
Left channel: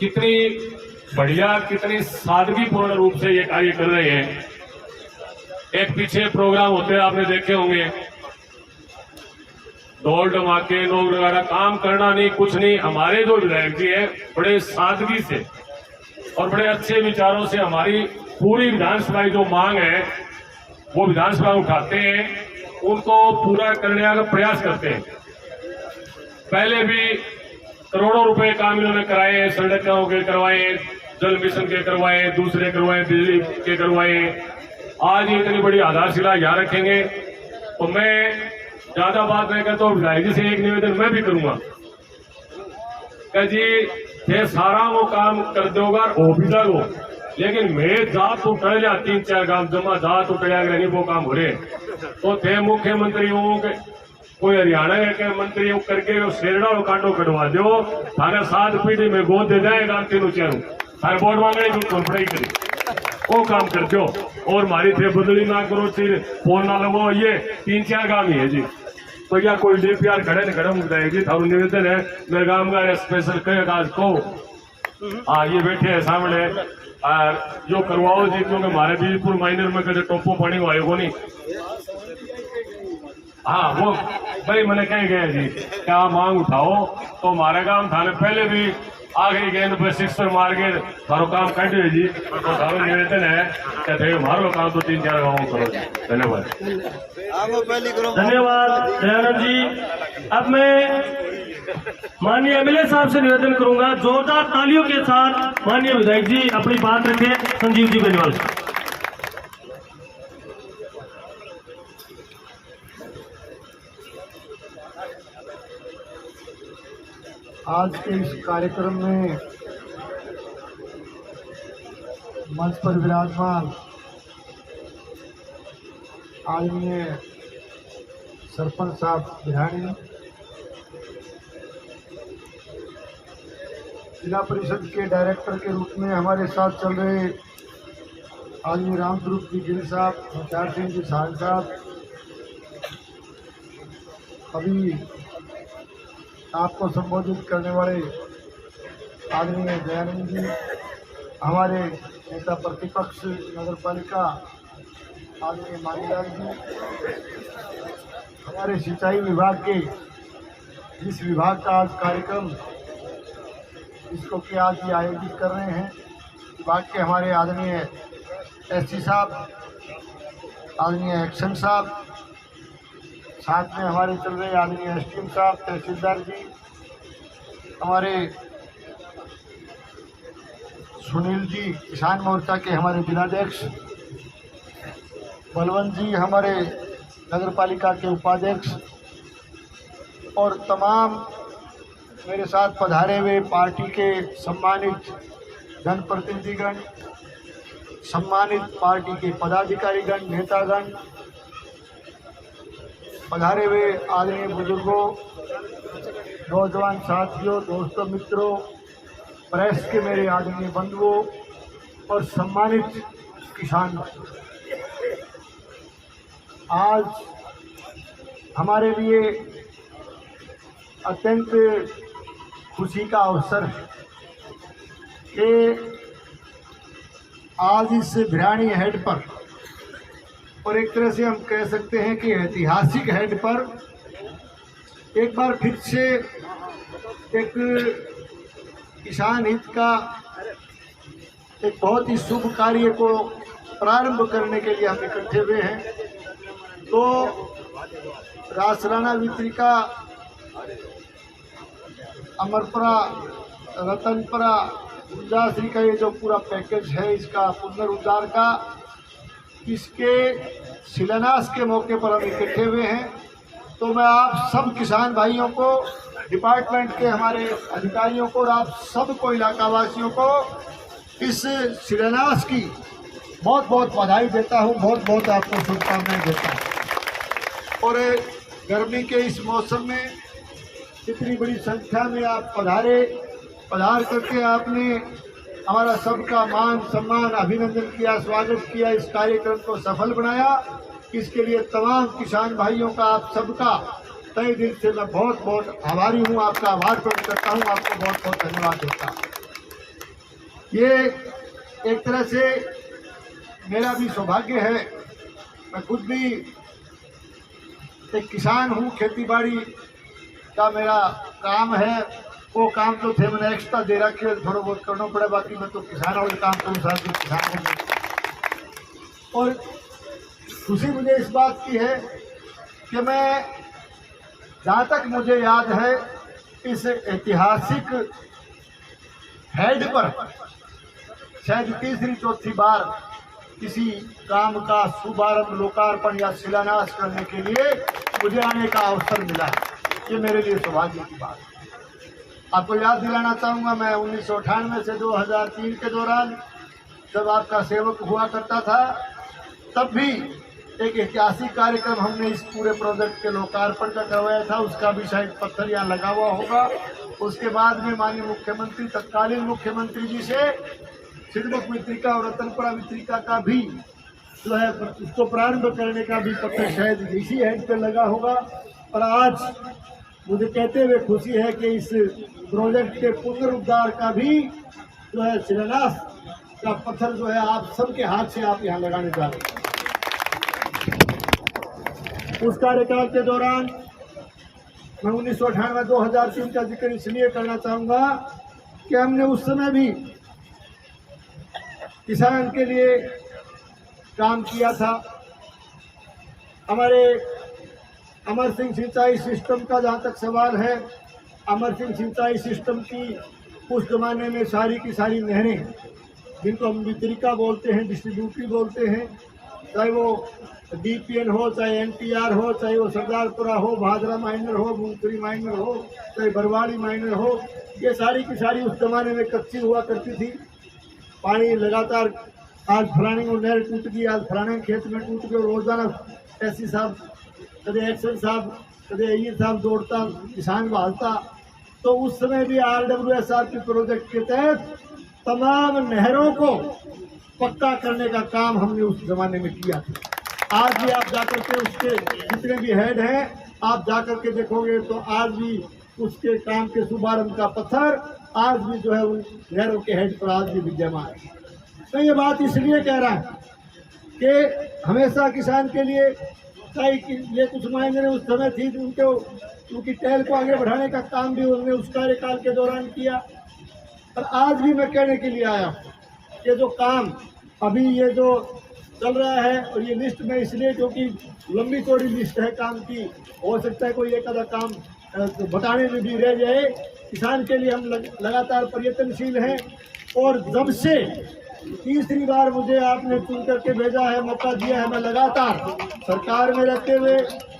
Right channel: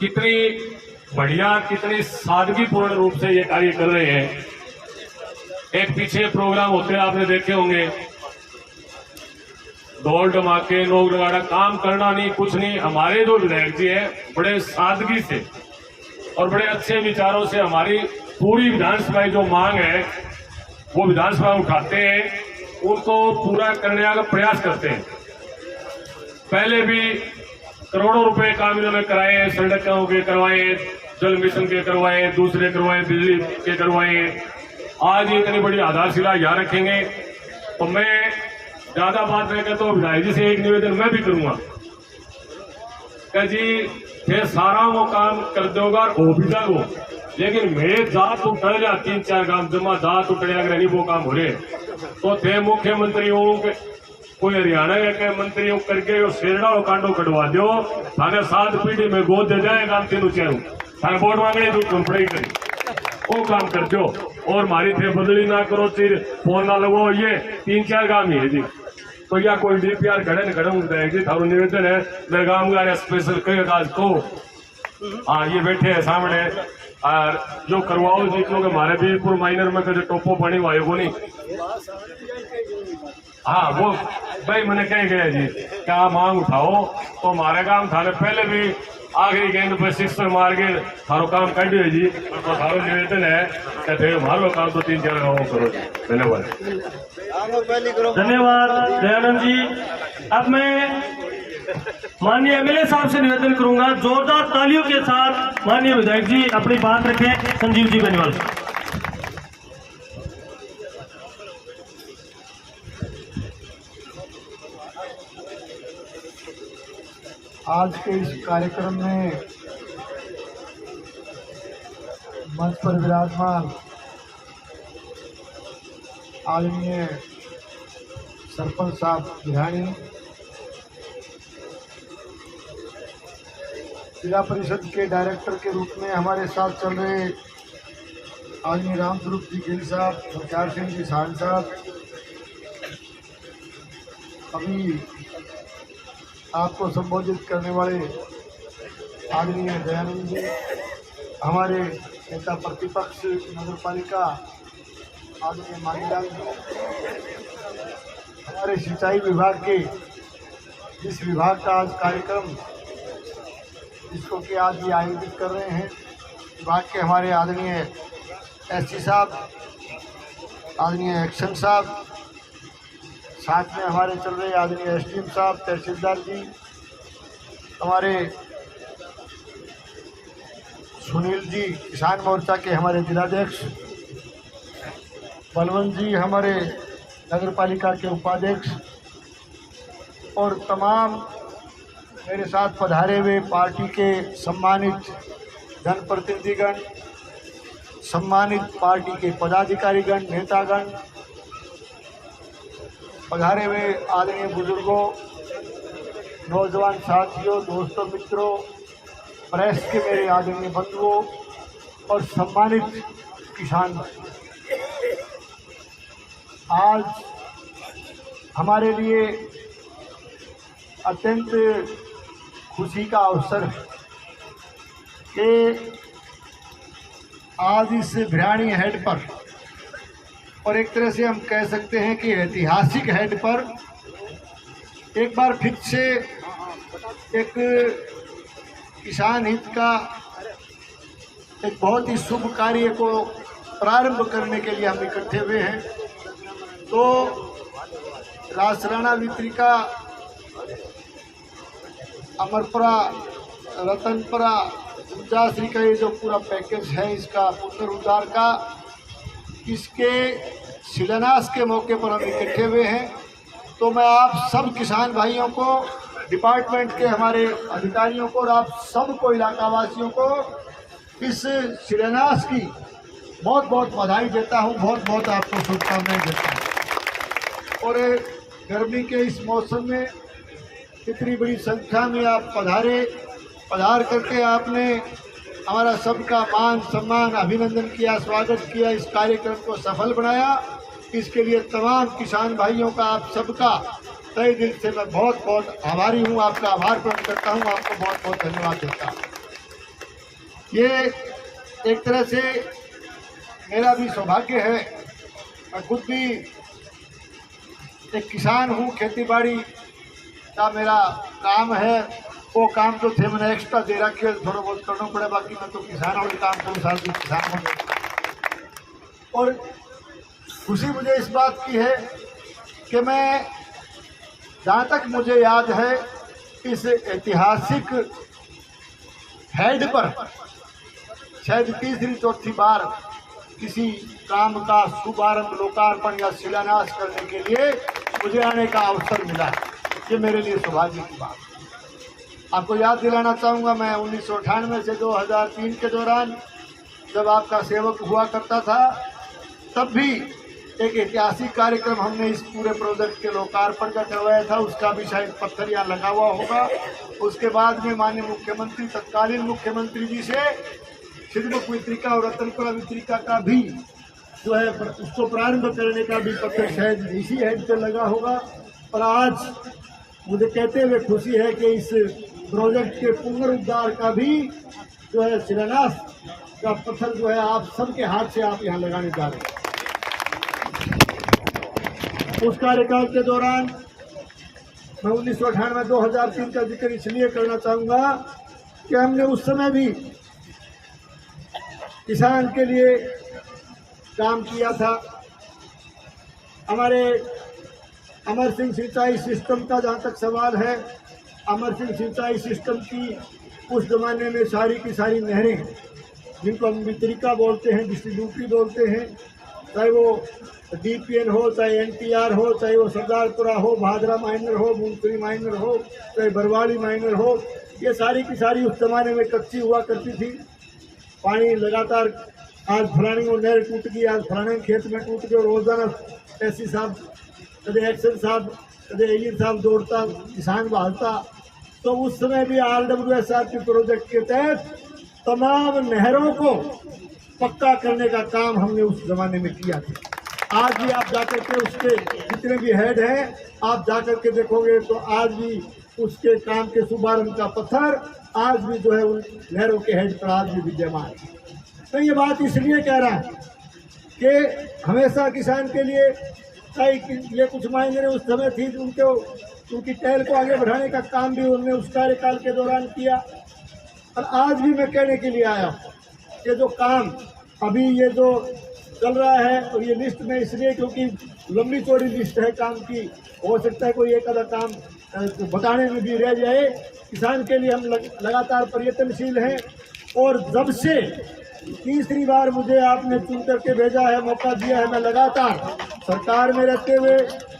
कितनी बढ़िया, कितनी सादगीपूर्ण रूप से ये कार्य कर रहे हैं। एक पीछे प्रोग्राम होते हैं आपने देखे होंगे, दौड़ धमाके, लोग वगैरह, काम करना नहीं, कुछ नहीं। हमारे जो विधायक जी है बड़े सादगी से और बड़े अच्छे विचारों से हमारी पूरी विधानसभा जो मांग है वो विधानसभा उठाते हैं उनको पूरा करने का प्रयास करते हैं। पहले भी करोड़ों रुपए काम इन्होंने कराए, सड़कों के करवाए, जल मिशन के करवाए, दूसरे करवाए, बिजली के करवाए। आज इतनी बड़ी आधारशिला यहाँ रखेंगे तो मैं ज्यादा बात नहीं करता हूँ। विधायक जी से एक निवेदन मैं भी करूंगा कि जी थे सारा वो काम कर दोगा वो भी दो, लेकिन मेरे जात उठ जा 3-4 गांव जमा जात उठ जाएगा नहीं वो काम हो रहे तो थे मुख्यमंत्री हो के कोई हरियाणा के मंत्री करके शेरडा और कांडो कटवा दो, थाने 7 पीढ़ी में गोद दे जाएगा 3 चारों थाने वोट मांगे कोई कंपनी करी वो काम कर दो। और मारी थे बदली ना करो, फिर फोन ना लगो, ये 3-4 गांव ही है जी। तो या कोई डीपीआर घड़े न घड़े जी थारू निवेदन है मेरे गांव का स्पेशल कहेगा आज को हाँ ये बैठे हैं सामने और जो करवाओ जी, क्योंकि हमारे बीजपुर माइनर में जो टोपो पानी हुआ वो नहीं हाँ वो भाई मैंने कह गया जी क्या मांग उठाओ तो हमारे काम थाने पहले भी आखिरी गेंद पर 6 मार के थारो काम कर दिए जी। तो थारो निवेदन है कि हमारो काम तो 3-4 गाँव करो। धन्यवाद। धन्यवाद दयानंद जी। अब मैं माननीय एमएलए साहब से निवेदन करूंगा जोरदार तालियों के साथ माननीय विधायक जी अपनी बात रखें। संजीव जी बेनीवाल। आज के इस कार्यक्रम में मंच पर विराजमान आदरणीय सरपंच साहब बिहानी, जिला परिषद के डायरेक्टर के रूप में हमारे साथ चल रहे आदरणीय रामस्वरूप जी गिल साहब, मुख्तार सिंह जी साल साहब, अभी आपको संबोधित करने वाले आदरणीय दयानंद जी, हमारे नेता प्रतिपक्ष नगर पालिका आदरणीय मानीलाल जी, हमारे सिंचाई विभाग के जिस विभाग का आज कार्यक्रम जिसको कि आज ये आयोजित कर रहे हैं, विभाग के हमारे आदरणीय एससी साहब, आदरणीय एक्शन साहब, साथ में हमारे चल रहे आदरणीय एसडीएम साहब, तहसीलदार जी, हमारे सुनील जी किसान मोर्चा के हमारे जिलाध्यक्ष, बलवंत जी हमारे नगर पालिका के उपाध्यक्ष और तमाम मेरे साथ पधारे हुए पार्टी के सम्मानित जनप्रतिनिधिगण, सम्मानित पार्टी के पदाधिकारीगण, नेतागण, पधारे हुए आदरणीय बुजुर्गों, नौजवान साथियों, दोस्तों, मित्रों, प्रेस के मेरे आदरणीय बंधुओं और सम्मानित किसान भाई, आज हमारे लिए अत्यंत खुशी का अवसर है कि आज इस भिरानी हेड पर और एक तरह से हम कह सकते हैं कि ऐतिहासिक हेड पर एक बार फिर से एक किसान हित का एक बहुत ही शुभ कार्य को प्रारंभ करने के लिए हम इकट्ठे हुए हैं। तो रासराणा वितरिका, अमरपुरा, रतनपुरा, ऊर्जाश्री का ये जो पूरा पैकेज है इसका पुनरुद्धार का, इसके शिलान्यास के मौके पर हम इकट्ठे हुए हैं। तो मैं आप सब किसान भाइयों को, डिपार्टमेंट के हमारे अधिकारियों को और आप सबको, इलाकावासियों को इस शिलान्यास की बहुत बहुत बधाई देता हूं, बहुत बहुत आपको शुभकामनाएं देता हूं। और गर्मी के इस मौसम में इतनी बड़ी संख्या में आप पधार करके आपने हमारा सबका मान सम्मान, अभिनंदन किया, स्वागत किया, इस कार्यक्रम को सफल बनाया। इसके लिए तमाम किसान भाइयों का, आप सबका तहे दिल से मैं बहुत बहुत आभारी हूँ, आपका आभार प्रकट करता हूँ, आपको बहुत बहुत धन्यवाद देता हूँ। ये एक तरह से मेरा भी सौभाग्य है, मैं खुद भी एक किसान हूँ, खेतीबाड़ी का मेरा काम है। वो काम तो थे मैंने एक्स्ट्रा दे रखे, थोड़ा बहुत करना पड़ा, बाकी मैं तो किसान और काम करूँ, साथ ही किसान हूँ। और खुशी मुझे इस बात की है कि मैं, जहाँ तक मुझे याद है, इस ऐतिहासिक हेड पर शायद तीसरी चौथी बार किसी काम का शुभारंभ, लोकार्पण या शिलान्यास करने के लिए मुझे आने का अवसर मिला। ये मेरे लिए सौभाग्य की बात। आपको याद दिलाना चाहूँगा, मैं 1998 से 2003 के दौरान जब आपका सेवक हुआ करता था, तब भी एक ऐतिहासिक कार्यक्रम हमने इस पूरे प्रोजेक्ट के लोकार्पण का करवाया था। उसका भी शायद पत्थर यहाँ लगा हुआ होगा। उसके बाद में माननीय मुख्यमंत्री, तत्कालीन मुख्यमंत्री जी से सिद्धमुख वितरिका और रतनपुरा वितरिका का भी जो है उसको प्रारंभ करने का भी पत्थर शायद इसी हेड पे लगा होगा। और आज मुझे कहते हुए खुशी है कि इस प्रोजेक्ट के पुनरुद्धार का भी जो है शिलान्यास का पत्थर जो है आप सबके हाथ से आप यहाँ लगाने जा रहे हैं। उस कार्यकाल के दौरान मैं 1998-2003 का जिक्र इसलिए करना चाहूँगा कि हमने उस समय भी किसान के लिए काम किया था। हमारे अमर सिंह सिंचाई सिस्टम का जहाँ तक सवाल है, अमर सिंह सिंचाई सिस्टम की उस जमाने में सारी की सारी नहरें, जिनको हम वितरिका बोलते हैं, डिस्ट्रीब्यूटरी बोलते हैं, चाहे वो डीपीएन हो, चाहे एनटीआर हो, चाहे वो सरदारपुरा हो, भादरा माइनर हो, मुंगफली माइनर हो, चाहे बरवाड़ी माइनर हो, ये सारी की सारी उस जमाने में कच्ची हुआ करती थी। पानी लगातार, आज फलाने को नहर टूट गई, आज फलाने खेत में टूट गई, और रोजाना ऐसी साहब, कदे एक्शन साहब, कदे अय्यर साहब दौड़ता, किसान बहालता। तो उस समय भी RWSRP प्रोजेक्ट के तहत तमाम नहरों को पक्का करने का काम हमने उस जमाने में किया था। आज भी आप जाकर के उसके जितने भी हेड हैं, आप जाकर के देखोगे तो आज भी उसके काम के शुभारंभ का पत्थर आज भी जो है उन नहरों के हेड पर आज भी विद्यमान है। तो ये बात इसलिए कह रहा हूँ कि हमेशा किसान के लिए ये कुछ मायने उस समय थी, उनकी टहल को आगे बढ़ाने का काम भी उन्होंने उस कार्यकाल के दौरान किया। और आज भी मैं कहने के लिए आया कि जो काम अभी ये जो चल रहा है, और ये लिस्ट में इसलिए क्योंकि लंबी चौड़ी लिस्ट है काम की, हो सकता है कोई एक आधा काम बताने में भी रह जाए। किसान के लिए हम लगातार प्रयत्नशील हैं। और जब से तीसरी बार मुझे आपने चुन करके भेजा है, मौका दिया है, मैं लगातार सरकार में रहते हुए,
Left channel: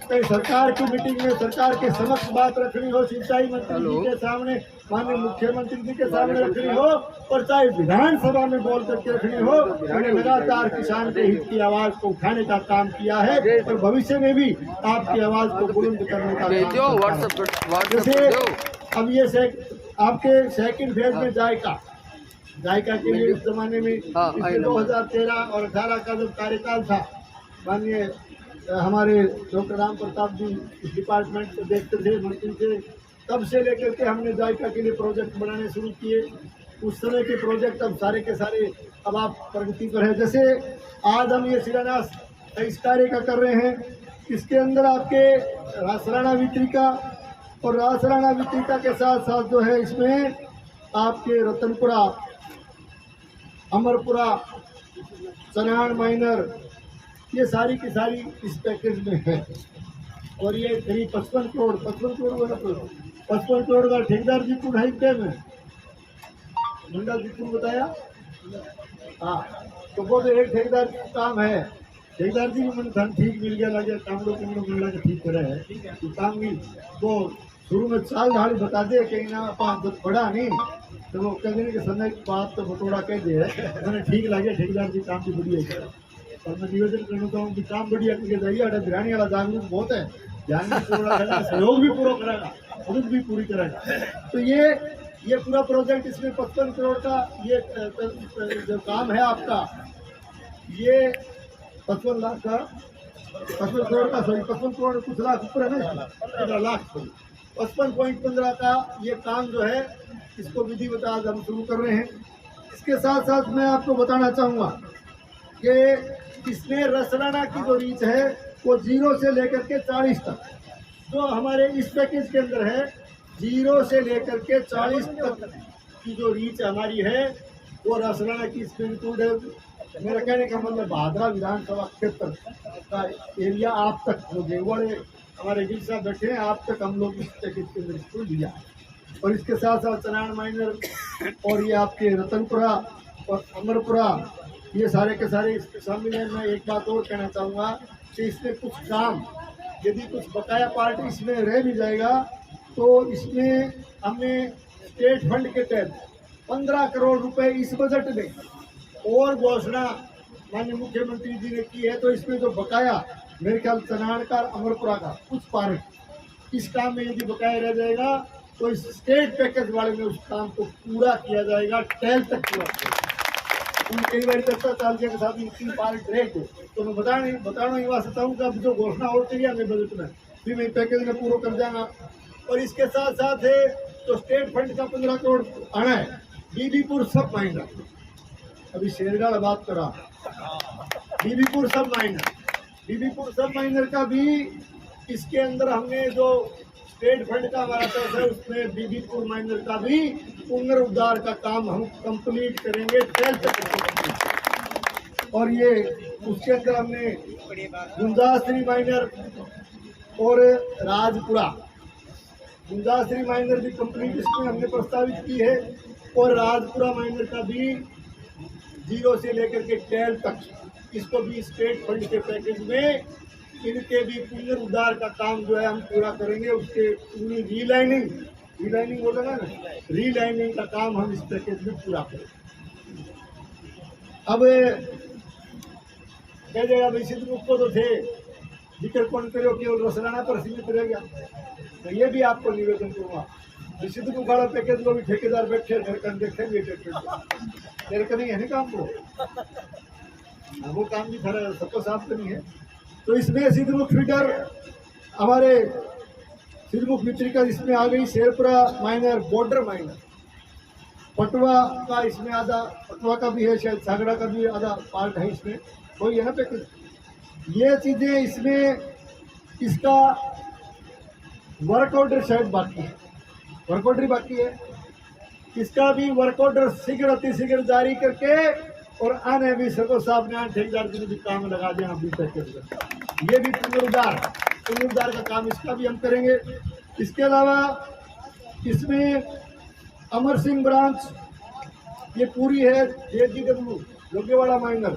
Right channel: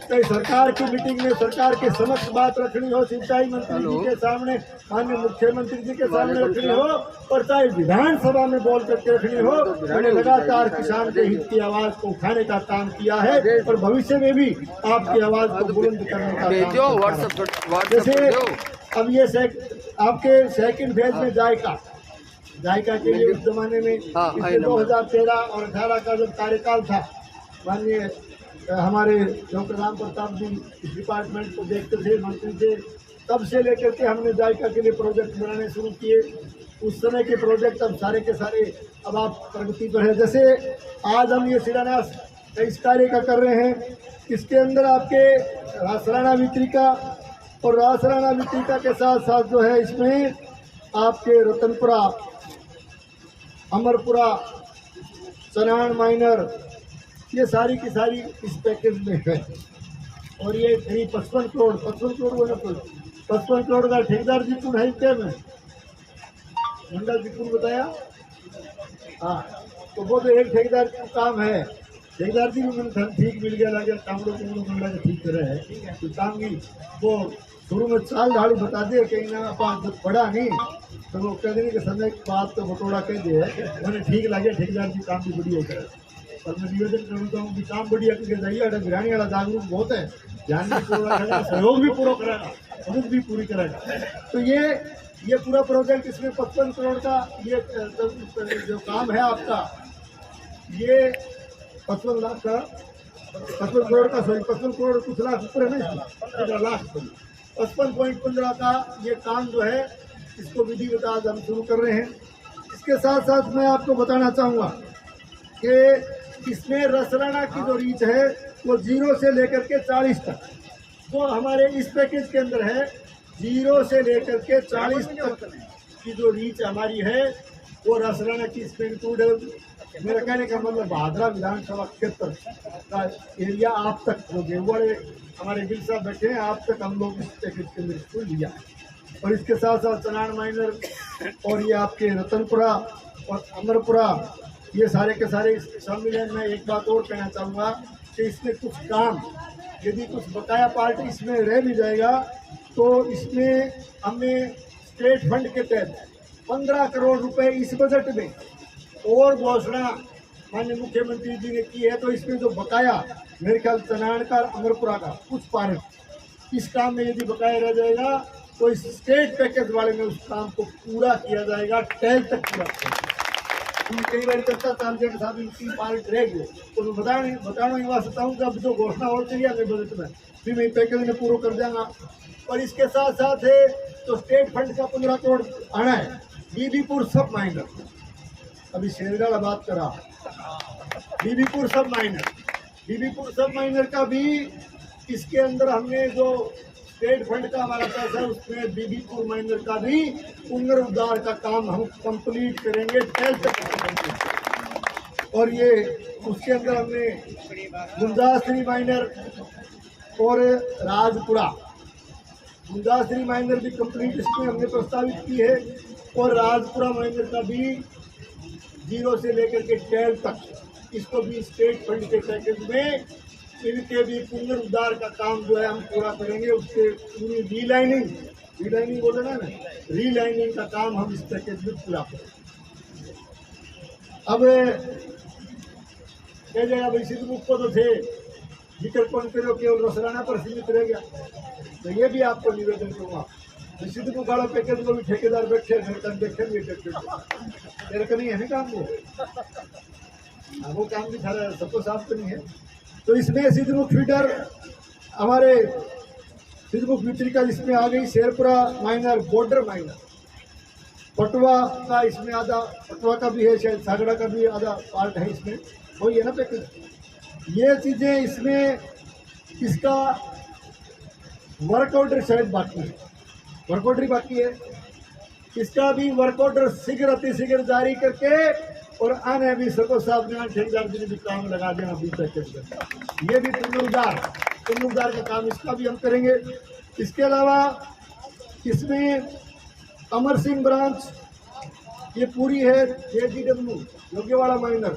चाहे सरकार की मीटिंग में सरकार के समक्ष बात रखनी हो, सिंचाई मंत्री जी के सामने, माननीय मुख्यमंत्री जी के सामने रखनी हो, और चाहे विधानसभा में बोल करके रखनी हो, मैंने लगातार किसान के हित की आवाज को उठाने का काम किया है। और भविष्य में भी आपकी आवाज को बुलंद करने का काम। जैसे अब ये आपके सेकंड फेज में जायका के लिए उस जमाने में 2013 और 18 का जब कार्यकाल था, माननीय हमारे डॉक्टर राम प्रताप जी इस डिपार्टमेंट को देखते थे, मंत्री थे, तब से लेकर के हमने जायका के लिए प्रोजेक्ट बनाने शुरू किए। उस समय के प्रोजेक्ट अब सारे के सारे अब आप प्रगति पर है। जैसे आज हम ये शिलान्यास इस कार्य का कर रहे हैं, इसके अंदर आपके रासराणा वितरिका और रासराणा वितरिका के साथ साथ जो है इसमें आपके रतनपुरा, अमरपुरा, चनान माइनर, ये सारी की सारी इस पैकेज में है। और ये करीब 55 करोड़ 55 करोड़ का ठेकेदार जी को ढाई पे में मंडल जी को बताया। हाँ, तो वो तो एक ठेकेदार का काम है। ठेकेदार जी भी मन ठीक मिल गया, लगे कामड़ो मन लगे ठीक तरह है तो काम भी वो शुरू में चाल ढाड़ी बता दे कहीं ना पड़ा नहीं, तो वो कह देने के समय की बात तो बटोड़ा कह दिए, मैंने ठीक लगे ठेकेदार जी काम भी बढ़िया करे। और मैं निवेदन करना चाहूँ कि काम बढ़िया करके जाइए। अगर बिरानी वाला जागरूक बहुत है, ध्यान भी पूरा करेगा, सहयोग भी पूरा करेगा, मदद भी पूरी करेगा। तो ये पूरा प्रोजेक्ट, इसमें 55 करोड़ का ये जो काम है आपका, ये 55 लाख का 55 करोड़ का 55 करोड़ कुछ लाख ऊपर है ना, 15 लाख 55.15 का ये काम जो है, इसको विधिवत आज हम शुरू कर रहे हैं। इसके साथ साथ मैं आपको बताना चाहूँगा कि इसमें रसराना की जो रीच है वो 0 से लेकर के 40 तक, जो हमारे इस पैकेज के अंदर है, 0 से लेकर के 40 तक की जो रीच हमारी है वो रसराना की इसमें इंक्लूड है। मेरा कहने का मतलब भादरा विधानसभा क्षेत्र का एरिया आप तक जो देवगढ़ हमारे गिल साहब बैठे हैं, आप तक हम लोग इस पैकेज के अंदर इसको लिया है। और इसके साथ साथ चनान माइनर और ये आपके रतनपुरा और अमरपुरा, ये सारे के सारे इसमें शामिल हैं। मैं एक बात और कहना चाहूँगा कि इसमें कुछ काम, यदि कुछ बकाया पार्ट इसमें रह भी जाएगा तो इसमें हमने स्टेट फंड के तहत 15 करोड़ रुपए इस बजट में और घोषणा माननीय मुख्यमंत्री जी ने की है। तो इसमें जो बकाया मेरे ख्याल चनान का अमरपुरा का कुछ पार्ट इस काम में यदि बकाया रह जाएगा तो इस स्टेट पैकेज वाले में उस काम को पूरा किया जाएगा, टेल तक पूरा किया जाएगा। कई बार चर्चा चालने के साथ तीन पार्ट रह गए तो मैं बताना ही वास्ता हूँ कि अब जो घोषणा हो चुकी है बजट में फिर मैं पैकेज में पूरा कर जाऊंगा। और इसके साथ साथ है तो स्टेट फंड का 15 करोड़ आना है। बीबीपुर सब माइनर, अभी शेरगढ़ बात करा, बीबीपुर सब माइनर का भी इसके अंदर हमने जो स्टेट फंड का हमारा पैसा है उसमें बीबीपुर माइनर का भी पुनरुद्धार का काम हम कंप्लीट करेंगे 12 तक। और ये उसके अंदर हमने गुंजाश्री माइनर और राजपुरा, गुंजाश्री माइनर भी कंप्लीट इसमें हमने प्रस्तावित की है। और राजपुरा माइनर का भी 0 से लेकर के 12 तक इसको भी स्टेट फंड के पैकेज में इनके भी पुनरुद्धार का काम जो है हम पूरा करेंगे। उसके पूरी रीलाइनिंग बोला ना, रीलाइनिंग का काम हम इस पैकेज में पूरा करेंगे। अब कह जाएगा भाई सिद्धमुख को तो थे जिक्र कौन करो केवल रसराना पर सीमित रह गया, तो ये भी आपको निवेदन करूँगा सिद्धमुख वाला पैकेज को भी ठेकेदार बैठे देखेंगे मेरे को नहीं है ना काम वो काम भी सारा सबको साफ तो नहीं है। तो इसमें सिद्धमुख फीडर हमारे सिद्धमुख मित्री का इसमें आ गई, Sherpura minor, border minor, Patwa का इसमें आधा, पटवा का भी है शायद, सागड़ा का भी आधा पार्ट है इसमें, वही है ना पैकेज। ये चीज़ें इसमें इसका वर्क ऑर्डर शायद बाकी है, वर्क ऑर्डर बाकी है, इसका भी वर्क ऑर्डर शीघ्र अतिशीघ्र जारी करके और आने भी सबको साफ ध्यान ठेकेदार जी ने भी काम लगा देना अभी तक। ये भी पुनरुद्धार का काम इसका भी हम करेंगे। इसके अलावा इसमें अमर सिंह ब्रांच ये पूरी है, JGW योग्यवाड़ा माइनर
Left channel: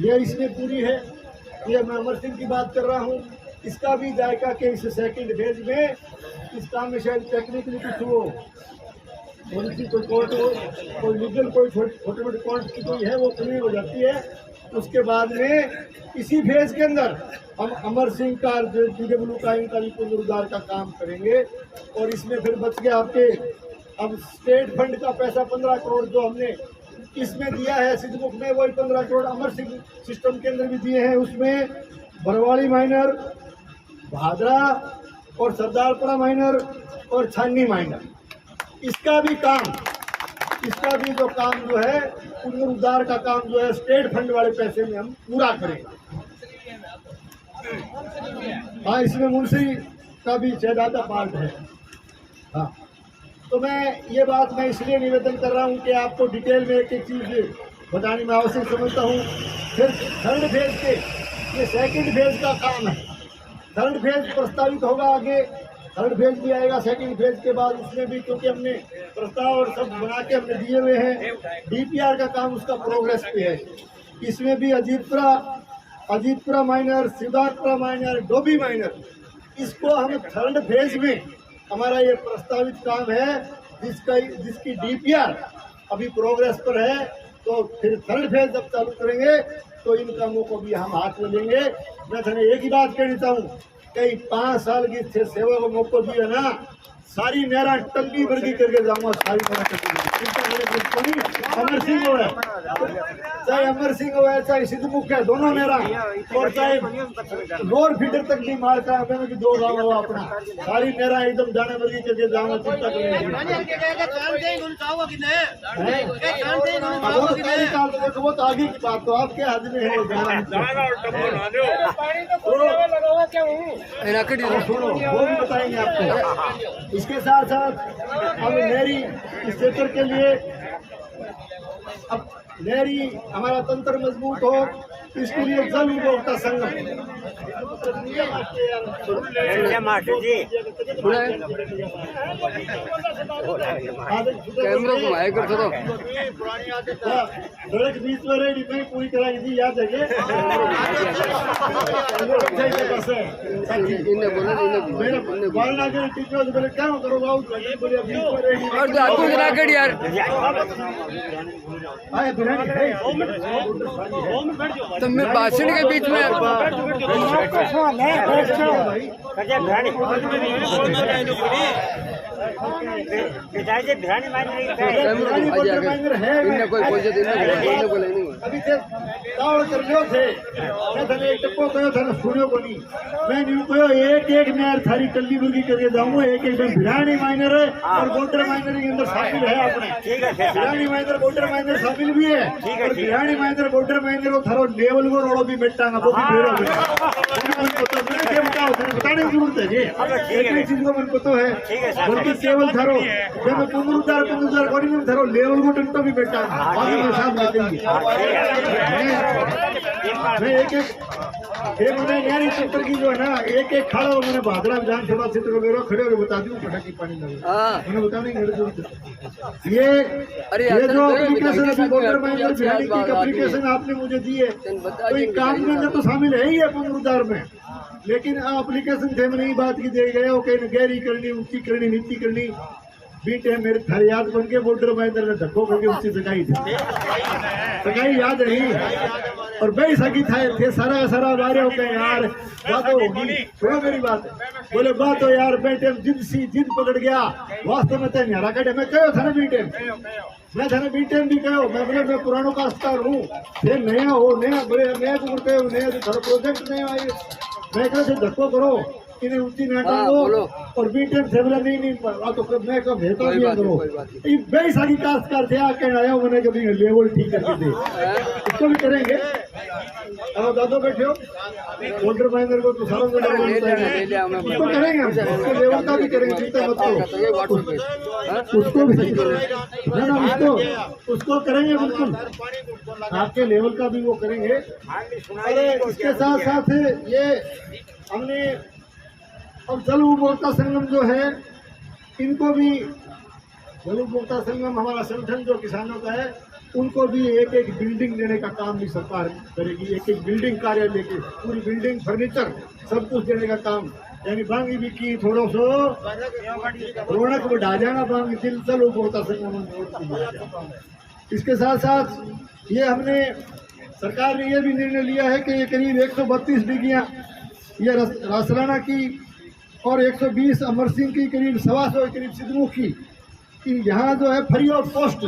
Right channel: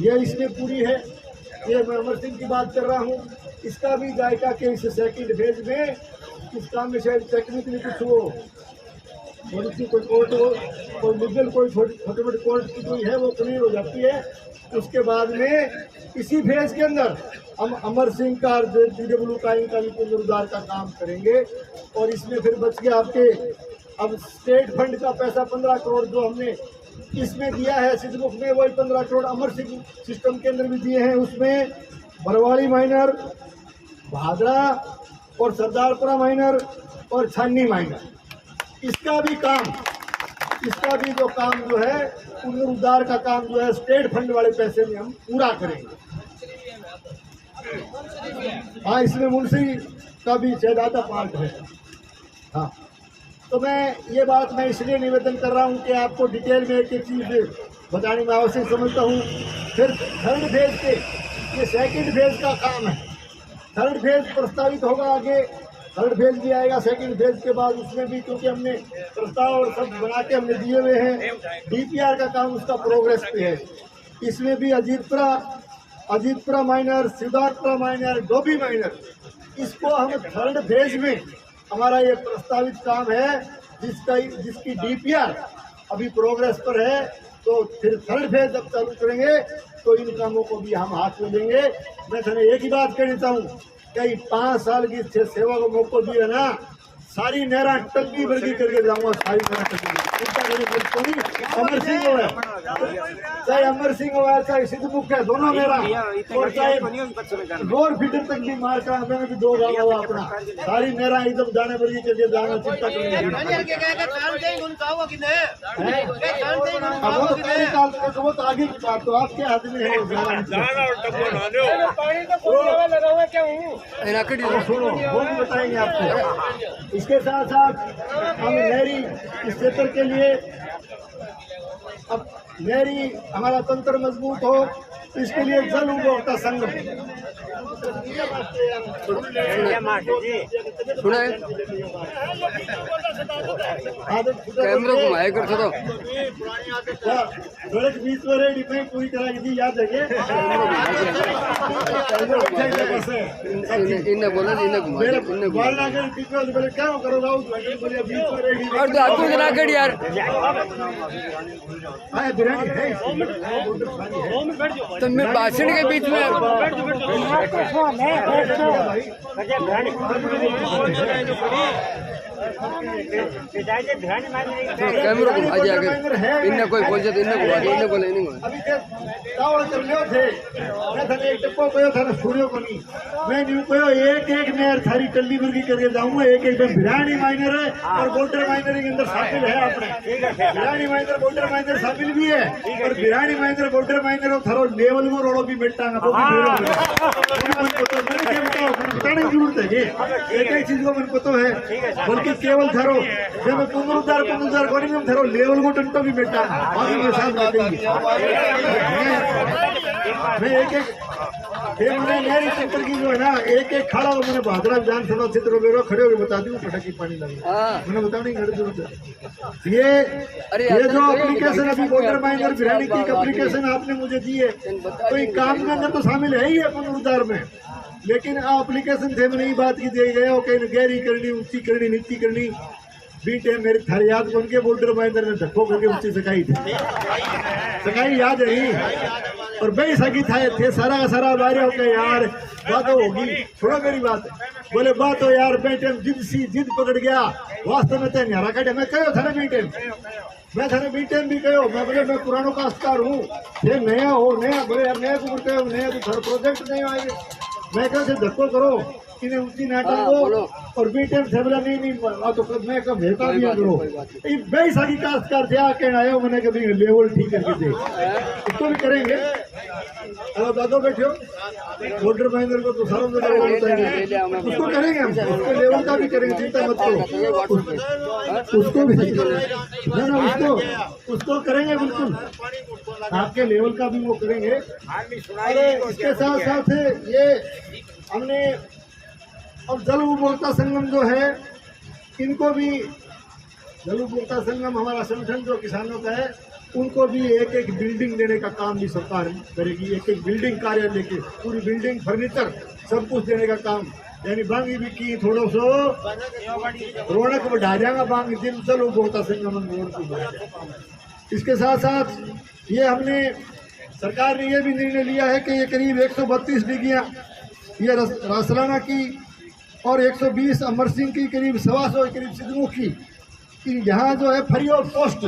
ये इसमें पूरी है। ये मैं अमर सिंह की बात कर रहा हूँ। इसका भी जायका के इस सेकंड फेज में इस काम में शायद टेक्निकली कुछ हो, थोड़ी सी कोई कोर्ट हो, कोई लीगल कोई छोटे मोटे कोर्ट की कोई है वो क्लियर हो जाती है। उसके बाद में इसी फेज के अंदर हम अमर सिंह का JGW का इनका भी पुनरुद्धार का काम करेंगे। और इसमें फिर बच गया आपके अब स्टेट फंड का पैसा 15 करोड़ जो हमने इसमें दिया है सिद्धमुख में, वही 15 करोड़ अमर सिंह सिस्टम के अंदर भी दिए हैं। उसमें बरवाड़ी माइनर, भादरा और सरदारपुरा माइनर और छानी माइनर, इसका भी जो काम जो है पुनरुद्धार का काम जो है स्टेट फंड वाले पैसे में हम पूरा करेंगे। हाँ, इसमें मुंशी का भी शायद आधा पार्ट है। हाँ, तो मैं बात इसलिए निवेदन कर रहा हूँ कि आपको डिटेल में एक एक चीज़ बताने में आवश्यक समझता हूँ। फिर थर्ड फेज के ये सेकंड फेज का काम है, थर्ड फेज प्रस्तावित होगा आगे, थर्ड फेज भी आएगा सेकंड फेज के बाद। उसमें भी क्योंकि हमने प्रस्ताव और सब बना के हमने दिए हुए हैं, DPR का काम उसका प्रोग्रेस पे है। इसमें भी Ajitpura minor, Siddharthpura minor, Dobhi minor, इसको हम थर्ड फेज में हमारा ये प्रस्तावित काम है जिसकी DPR अभी प्रोग्रेस पर है। तो फिर थर्ड फेज जब चालू करेंगे तो इन कामों को भी हम हाथ में लेंगे। मैं तुम्हें एक ही बात कहना चाहूँ, कई 5 साल की सेवा को मौका दिया ना, सारी नहरा टंकी वर्गी करके जाऊंगा, सारी अमर सिंह हो है, चाहे अमर सिंह हो है चाहे सिद्धमुख है, दोनों नहरा और चाहे रोड फीडर तक भी मार का हमें भी 2 गाँव हुआ अपना, सारी नहरा एकदम जाने वर्गी करके जाना, चिंता वो तो आगे की बात, तो आपके हाथ में है सुनो वो भी बताएंगे आपको। इसके साथ साथ हम नहरी क्षेत्र के लिए अब नहरी हमारा तंत्र मजबूत हो, इसके लिए जल उपभोक्ता संघ सुना है? कैमरा घुमाया कर थोड़ा। सड़क बीच में रेडी में पूरी तरह की याद है इन्हें बोला इन्हें घुमा इन्हें घुमा। बोलना कर ठीक है तो पहले क्या करोगे बोले बीच में रेडी और तो आपको जना कर यार आए बिरयानी है तुम में भाषण के बीच में कैमरा घुमा दिया इन्हें कोई बोल जाते इन्हें घुमा इन्हें बोले इन्हें घुमा। अभी थे तावड़ कर लियो थे मैं थाने एक टप्पो कयो थाने सुनियो को नहीं मैं न्यू कयो एक मैं यार थारी टल्ली मुर्गी करके जाऊंगा एक बिरयानी माइनर है और बोल्डर माइनर के अंदर शामिल है अपने बिरयानी माइनर बोल्डर माइनर शामिल भी है और बिरयानी माइनर बोल्डर माइनर और थारो लेवल में रोड़ो भी बैठांगा वो भी मेरा मैंने क्या बताओ मैंने बताने की जरूरत है एक चीज को मन को तो है बल्कि केवल थारो जब पुनरुद्धार करी में थारो लेवल को टंटो भी बैठा और मेरे साथ बैठेंगे मैं एक ये मैंने मेरी क्षेत्र की जो है ना एक खाड़ा वो मैंने भादरा विधानसभा क्षेत्र को मेरे खड़े होकर बता दी पटाखी पानी लगे मैंने बताने की जरूरत है ये जो एप्लीकेशन अभी वोटर माइनर बिहारी की एप्लीकेशन आपने मुझे दी है तो ये काम में तो शामिल है ही है पुनरुद्धार में लेकिन एप्लीकेशन थे मैंने बात की दी गया कहीं गहरी करनी ऊंची करनी नीति करनी बीट है मेरे थारे याद बन के वोटर माइनर ने धक्को करके ऊंची सकाई थी सकाई याद है और बे सकी थे सारा का सारा बारे हो गया यार बात होगी छोड़ो मेरी बात बोले बात हो यार बेटे जिद पकड़ गया वास्तव में तो न्यारा कटे मैं कहो था ना बीटेम मैं थाने बीटेम भी कहो मैं बोले मैं पुरानों का अस्तार हूँ ये नया हो नया बोले नया को कहो नया तो थारा प्रोजेक्ट नहीं आए मैं कहा धक्को करो इन्हें ऊंची नाटक हो और बीटेम से बोला नहीं तो मैं कहा भेजता भी करो बेई सागी काश्तकार थे आके आया मैंने कभी लेवल ठीक करके दे इसको भी करेंगे अब दादो बैठे हो वोटर माइनर को तो सारा उसको करेंगे हम उसको लेवल का भी करेंगे चिंता मत करो उसको भी उसको करेंगे बिल्कुल आपके लेवल का भी वो करेंगे अरे इसके साथ साथ ये हमने और जल उपभोक्ता संगम जो है इनको भी जल उपभोक्ता संगम हमारा संगठन जो किसानों का है उनको भी एक बिल्डिंग देने का काम भी सरकार करेगी एक बिल्डिंग कार्यालय की पूरी बिल्डिंग फर्नीचर सब कुछ देने का काम यानी बांगी भी की थोड़ा सो रौनक बढ़ा जाएगा बांगी दिल जल उपभोक्ता संगम इसके साथ साथ ये हमने सरकार ने ये भी निर्णय लिया है कि ये करीब 132 डिग्रियाँ ये रासलाना की और 120 अमर सिंह की करीब 125 करीब सिद्धमुख की यहाँ जो है फ्री ऑफ कॉस्ट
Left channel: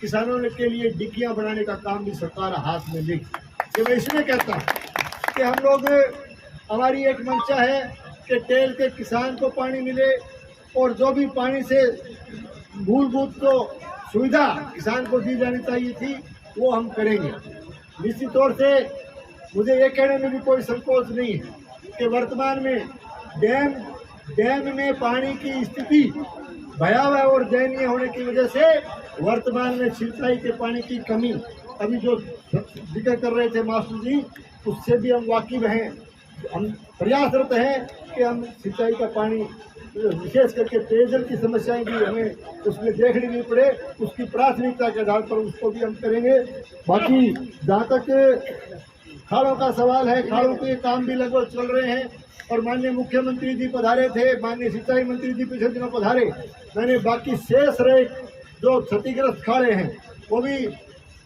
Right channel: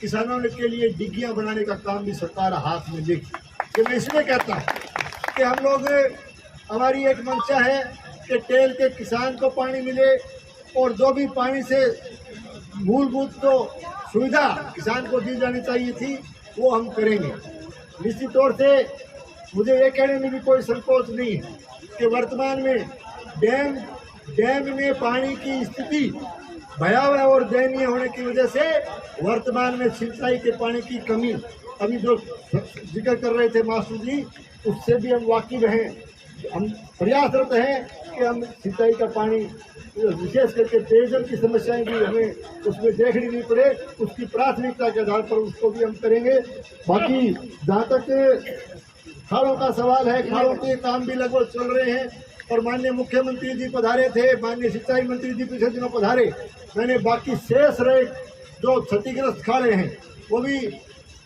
किसानों के लिए डिग्गियाँ बनाने का काम भी सरकार हाथ में ले कि मैं इसलिए कहता हूँ कि हम लोग हमारी एक मंशा है कि टेल के किसान को पानी मिले और जो भी पानी से मूलभूत तो सुविधा किसान को दी जानी चाहिए थी वो हम करेंगे निश्चित तौर से मुझे ये कहने में भी कोई संकोच नहीं है कि वर्तमान में डैम में पानी की स्थिति भयावह और दयनीय होने की वजह से वर्तमान में सिंचाई के पानी की कमी अभी जो जिक्र कर रहे थे मास्टर जी उससे भी हम वाकिफ हैं हम प्रयासरत हैं कि हम सिंचाई का पानी विशेष करके पेयजल की समस्याएं भी हमें उसमें देखनी नहीं पड़े उसकी प्राथमिकता के आधार पर उसको भी हम करेंगे बाकी जहाँ तक खाड़ों का सवाल है खाड़ों के काम भी लगभग चल रहे हैं और माननीय मुख्यमंत्री जी पधारे थे माननीय सिंचाई मंत्री जी पिछले दिनों पधारे मैंने बाकी शेष रहे जो क्षतिग्रस्त खाड़े हैं वो भी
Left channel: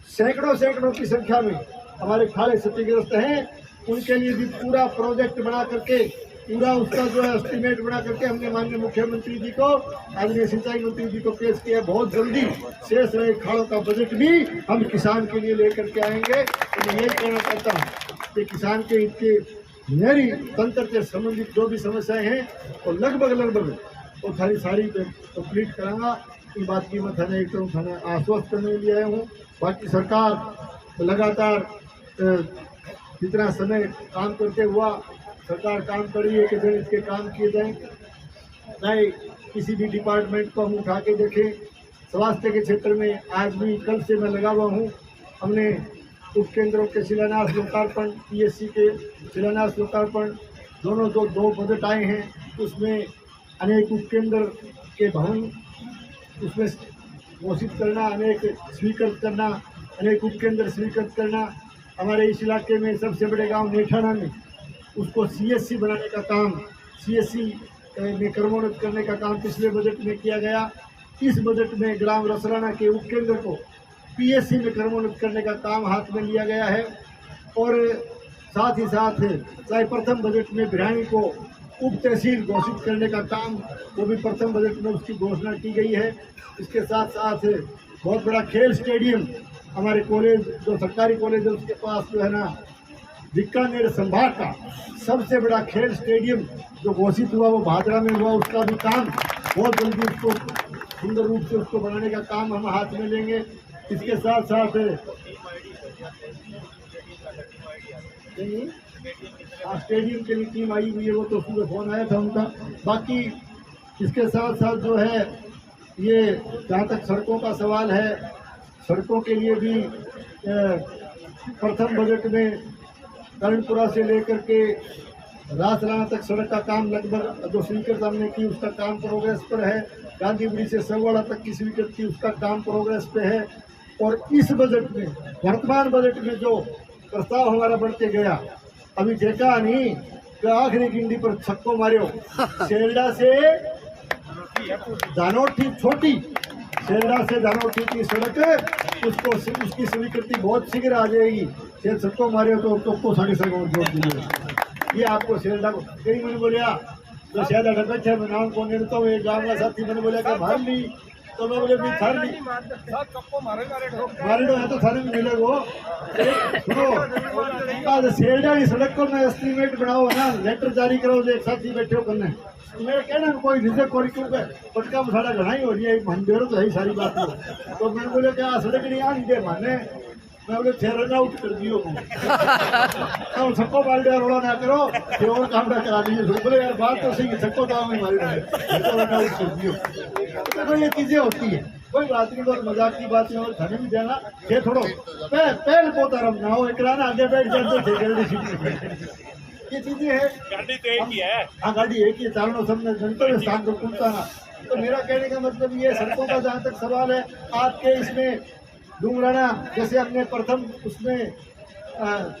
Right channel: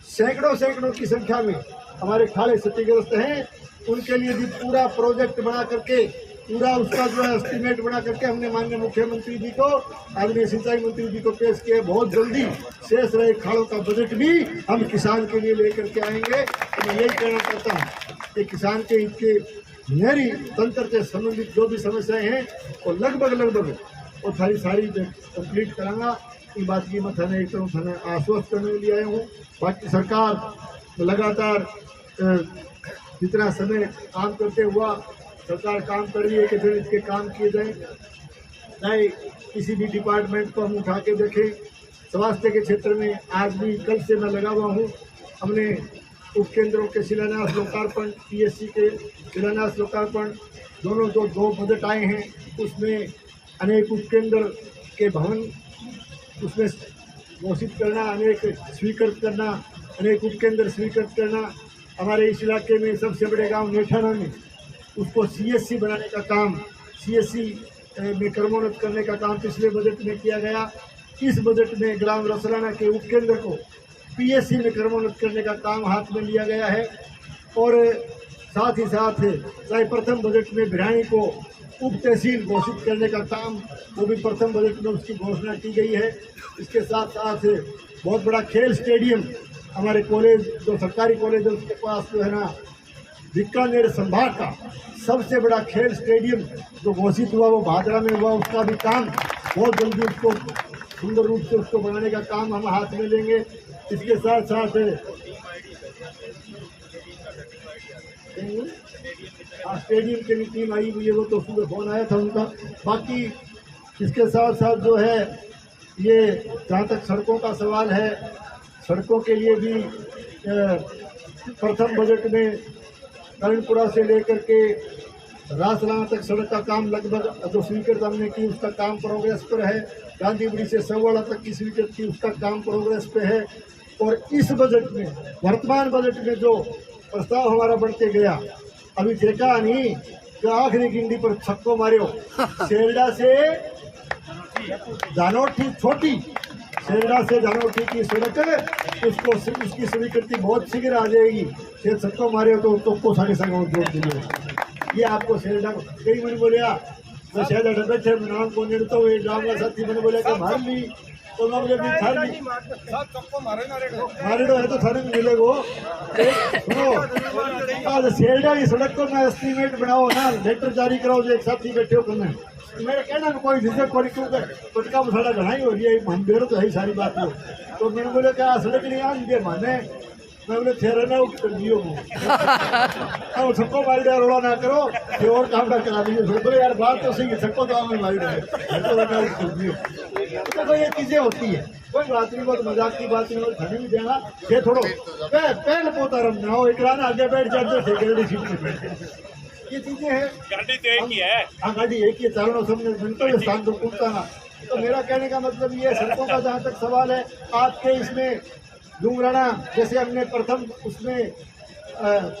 सैकड़ों की संख्या में हमारे खाड़े क्षतिग्रस्त हैं उनके लिए भी पूरा प्रोजेक्ट बना करके पूरा उसका जो है एस्टीमेट बना करके हमने माननीय मुख्यमंत्री जी को आदरणीय सिंचाई मंत्री जी को पेश किया बहुत जल्दी शेष रहे खाड़ों का बजट भी हम किसान के लिए लेकर के आएंगे तो मैं यही कहना चाहता हूँ कि किसान के हित के मेरी तंत्र से संबंधित जो भी समस्याएं हैं वो लगभग वो सारी कंप्लीट करांगा इस बात की मैं थाने एकदम थाने आश्वस्त करने के लिए आया हूँ बाकी सरकार लगातार जितना समय काम करते हुआ सरकार काम कर रही है कि फिर इसके काम किए जाएं चाहे किसी भी डिपार्टमेंट को हम उठा के देखें स्वास्थ्य के क्षेत्र में आज भी कल से मैं लगा हुआ हूँ हमने उपकेंद्रों के शिलान्यास लोकार्पण, पीएससी के शिलान्यास लोकार्पण, दोनों दो बजट आए हैं। उसमें अनेक उपकेंद्र के भवन उसमें घोषित करना, अनेक स्वीकृत करना, अनेक उपकेंद्र स्वीकृत करना। हमारे इस इलाके में सबसे बड़े गांव नेठाना में उसको सीएससी बनाने का काम, सीएससी में क्रमोन्नत करने का काम पिछले बजट में किया गया। इस बजट में ग्राम रसराना के उपकेंद्र को पीएससी में क्रमोन्नत करने का काम हाथ में लिया गया है। और साथ ही साथ चाहे प्रथम बजट में भिराणी को उप तहसील घोषित करने का काम, वो भी प्रथम बजट में उसकी घोषणा की गई है। इसके साथ साथ बहुत बड़ा खेल स्टेडियम हमारे कॉलेज, जो सरकारी कॉलेज है उसके पास जो है ना, बीकानेर संभाग का सबसे बड़ा खेल स्टेडियम जो घोषित हुआ वो भादरा में हुआ। उसका भी काम बहुत जल्दी उसको सुंदर रूप से उसको बनाने का काम हम हाथ में लेंगे। इसके साथ साथ स्टेडियम के लिए टीम आई हुई है, वो तो सुबह फोन आया था उनका। बाकी इसके साथ साथ जो है ये जहाँ तक सड़कों का सवाल है, सड़कों के लिए भी प्रथम बजट में करणपुरा से लेकर के रासलाना तक सड़क का काम लगभग जो स्वीकृत हमने की उसका काम प्रोग्रेस पर है। गांधीबुड़ी से सवाड़ा तक की स्वीकृत की उसका काम प्रोग्रेस पे है। और इस बजट में, वर्तमान बजट में जो प्रस्ताव हमारा बढ़ते गया, अभी देखा नहीं कि आखिरी गिंडी पर छक्को मारे, सेल्डा से जानोठी छोटी, सेल्डा से जानोठी की सड़क उसको उसकी स्वीकृति बहुत शीघ्र आ जाएगी। ये छक्को मारे तो साढ़े साढ़े और जोड़ दिए। ये आपको सेल्डा को कई मैंने बोलिया मैं शायद डबे थे, मैं नाम को नहीं तो ये जाऊंगा साथी मैंने बोला कि मार ली, तो मैं बोले भी थार ली मारे है तो थाने में मिले वो। सुनो आज सेल्डा की सड़क को मैं एस्टीमेट बनाओ ना, लेटर जारी कराओ जो एक साथी बैठे हो करने। मेरा कहना कोई रिजर्व करी क्यों पटका मसाला घनाई हो रही है, मंडेर तो है सारी बात को। तो मैंने बोले क्या सड़क नहीं आ दे माने, मैं बोले थेरन आउट कर दियो अब सबको मार दिया, रोड़ा ना करो ये और काम ना करा दीजिए। बोले यार बात तो सही, सबको तो मारी तो रन आउट कर दियो। तो ये चीजें होती है, कोई बात नहीं, बहुत मजाक की बात नहीं। थाने में जाना ये थोड़ो पहले पोता रमना हो, एक राना आगे बैठ जाते थे गलती सीट में। ये चीजें है, गाड़ी तो एक ही है। हाँ गाड़ी एक ही है, चारों सबने गंतव्य स्थान को पूछता ना। तो मेरा कहने का मतलब ये सड़कों का जहाँ तक सवाल है, आपके इसमें डूंगराना जैसे हमने प्रथम उसमें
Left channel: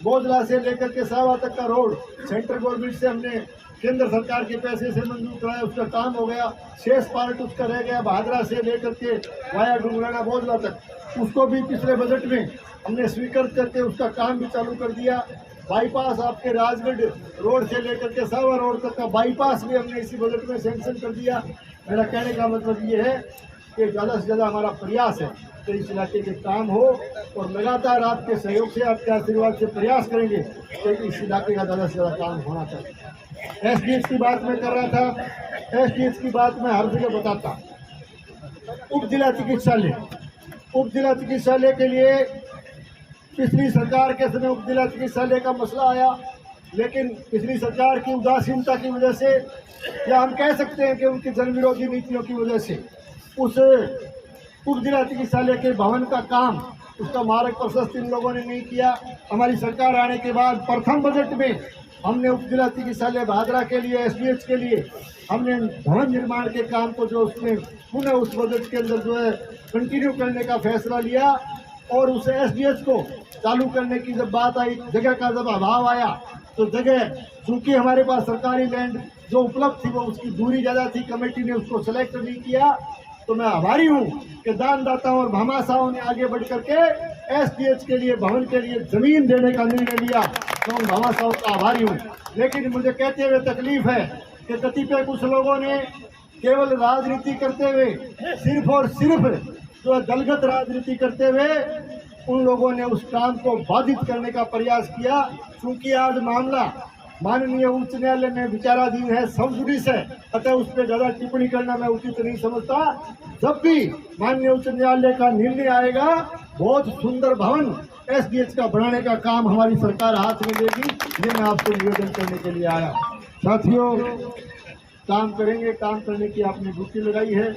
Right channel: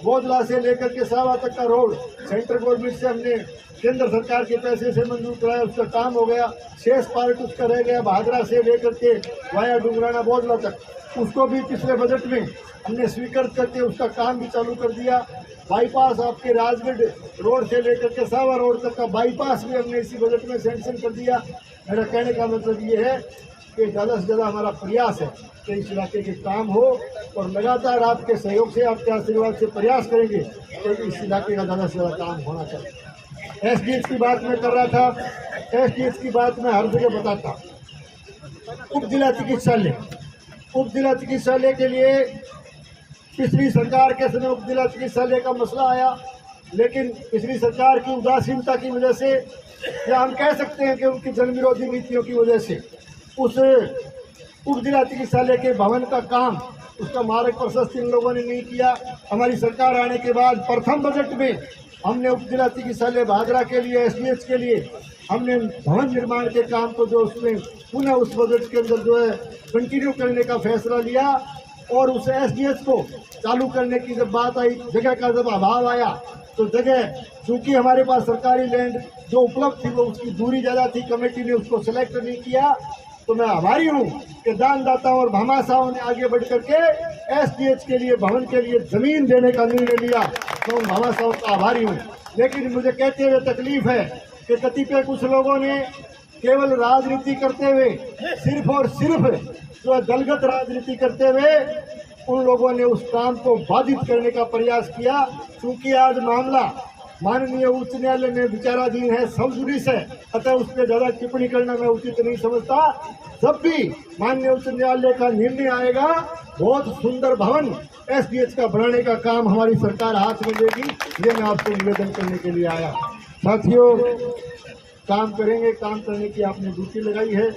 बोधला से लेकर के सावा तक का रोड सेंट्रल गवर्नमेंट से हमने केंद्र सरकार के पैसे से मंजूर कराया, उसका काम हो गया। शेष पार्ट उसका रह गया भादरा से लेकर के वाया डूंगराना बोधला तक, उसको भी पिछले बजट में हमने स्वीकृत करके उसका काम भी चालू कर दिया। बाईपास आपके राजगढ़ रोड से लेकर के सावा रोड तक का बाईपास भी हमने इसी बजट में सैंक्शन कर दिया। मेरा कहने का मतलब ये है कि ज़्यादा से ज़्यादा हमारा प्रयास है कि इस इलाके के काम हो, और लगातार आपके सहयोग से, आपके आशीर्वाद से प्रयास करेंगे कि इस इलाके का ज़्यादा से ज़्यादा काम होना चाहिए। एसडीएच की बात मैं कर रहा था, एसडीएच की बात मैं हर जगह बताता। उप जिला चिकित्सालय, उप जिला चिकित्सालय के लिए पिछली सरकार के समय उप जिला चिकित्सालय का मसला आया, लेकिन पिछली सरकार की उदासीनता की वजह से, या हम कह सकते हैं कि उनकी जन विरोधी नीतियों की वजह से, उस उप जिला चिकित्सालय के भवन का काम, उसका मार्ग प्रशस्त इन लोगों ने नहीं किया। हमारी सरकार आने के बाद प्रथम बजट में हमने उप जिला चिकित्सालय भादरा के लिए, एसडीएच के लिए हमने भवन निर्माण के काम को जो उसमें पुनः उस बजट के अंदर जो है कंटिन्यू करने का फैसला लिया। और उस एसडीएच को चालू करने की जब बात आई, जगह का जब अभाव आया, तो जगह चूंकि हमारे पास सरकारी लैंड जो उपलब्ध थी वो उसकी दूरी ज़्यादा थी, कमेटी ने उसको सेलेक्ट नहीं किया। तो मैं आभारी हूँ कि दानदाताओं और भामाशाहों ने आगे बढ़ करके एसडीएच के लिए, भवन के लिए जमीन देने का निर्णय लिया, तो उन भामाशाहों का आभारी हूँ। लेकिन मुझे कहते हुए तकलीफ है कि कतिपय कुछ लोगों ने केवल राजनीति करते हुए, सिर्फ और सिर्फ जो है दलगत राजनीति करते हुए उन लोगों ने उस काम को बाधित करने का प्रयास किया। क्योंकि आज मामला माननीय उच्च न्यायालय में विचाराधीन है, सब जुडिस है, अतः उस पर ज्यादा टिप्पणी करना मैं उचित नहीं समझता। जब भी माननीय उच्च न्यायालय का निर्णय आएगा, बहुत सुंदर भवन एसडीएच का बनाने का काम हमारी सरकार हाथ में लेगी। ये मैं आपसे निवेदन करने के लिए आया। साथियों, काम करेंगे, काम करने की आपने ड्यूटी लगाई है।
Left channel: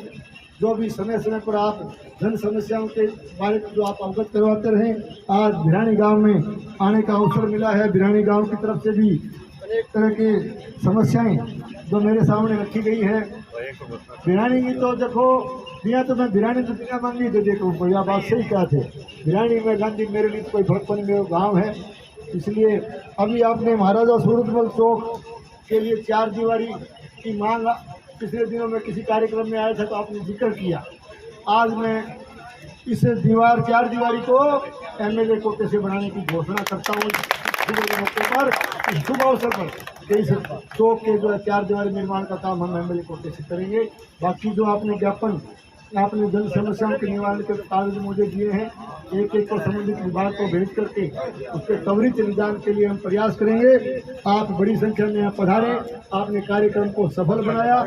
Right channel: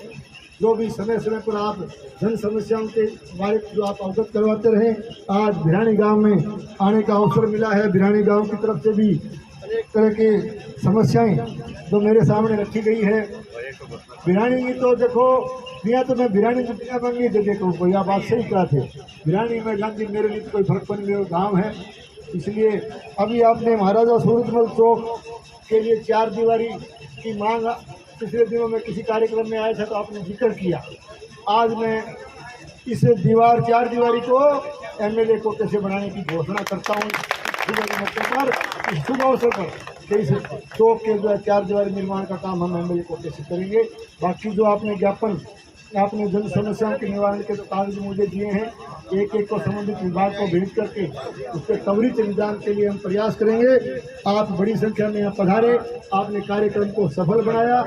जो भी समय समय पर आप जन समस्याओं के बारे में जो आप अवगत करवाते रहे। आज भिरानी गांव में आने का अवसर मिला है। भिरानी गांव की तरफ से भी अनेक तरह के समस्याएं जो मेरे सामने रखी गई है। भिरानी की तो देखो दिया तो मैं भिरानी तो बिना मांगी तो देखो भैया बात सही कहा थे। भिरानी में गांधी मेरे लिए तो कोई फर्क पड़ने मेरा गाँव है। इसलिए अभी आपने महाराजा सूरजमल चौक के लिए 4 दीवारी की मांग पिछले दिनों में किसी कार्यक्रम में आया था तो आपने जिक्र किया। आज मैं इस 4 दीवारी को एमएलए कोटे से बनाने की घोषणा करता हूँ मौके पर, इस शुभ अवसर पर कि इस चौक के जो है 4 दीवारी निर्माण का काम हम एमएलए कोटे से करेंगे। बाकी जो आपने ज्ञापन आपने जन समस्याओं के निवारण के जो कागज मुझे दिए हैं एक को संबंधित विभाग को भेज करके उस पर त्वरित निदान के लिए हम प्रयास करेंगे। आप बड़ी संख्या में यहाँ पधारे, आपने कार्यक्रम को सफल बनाया,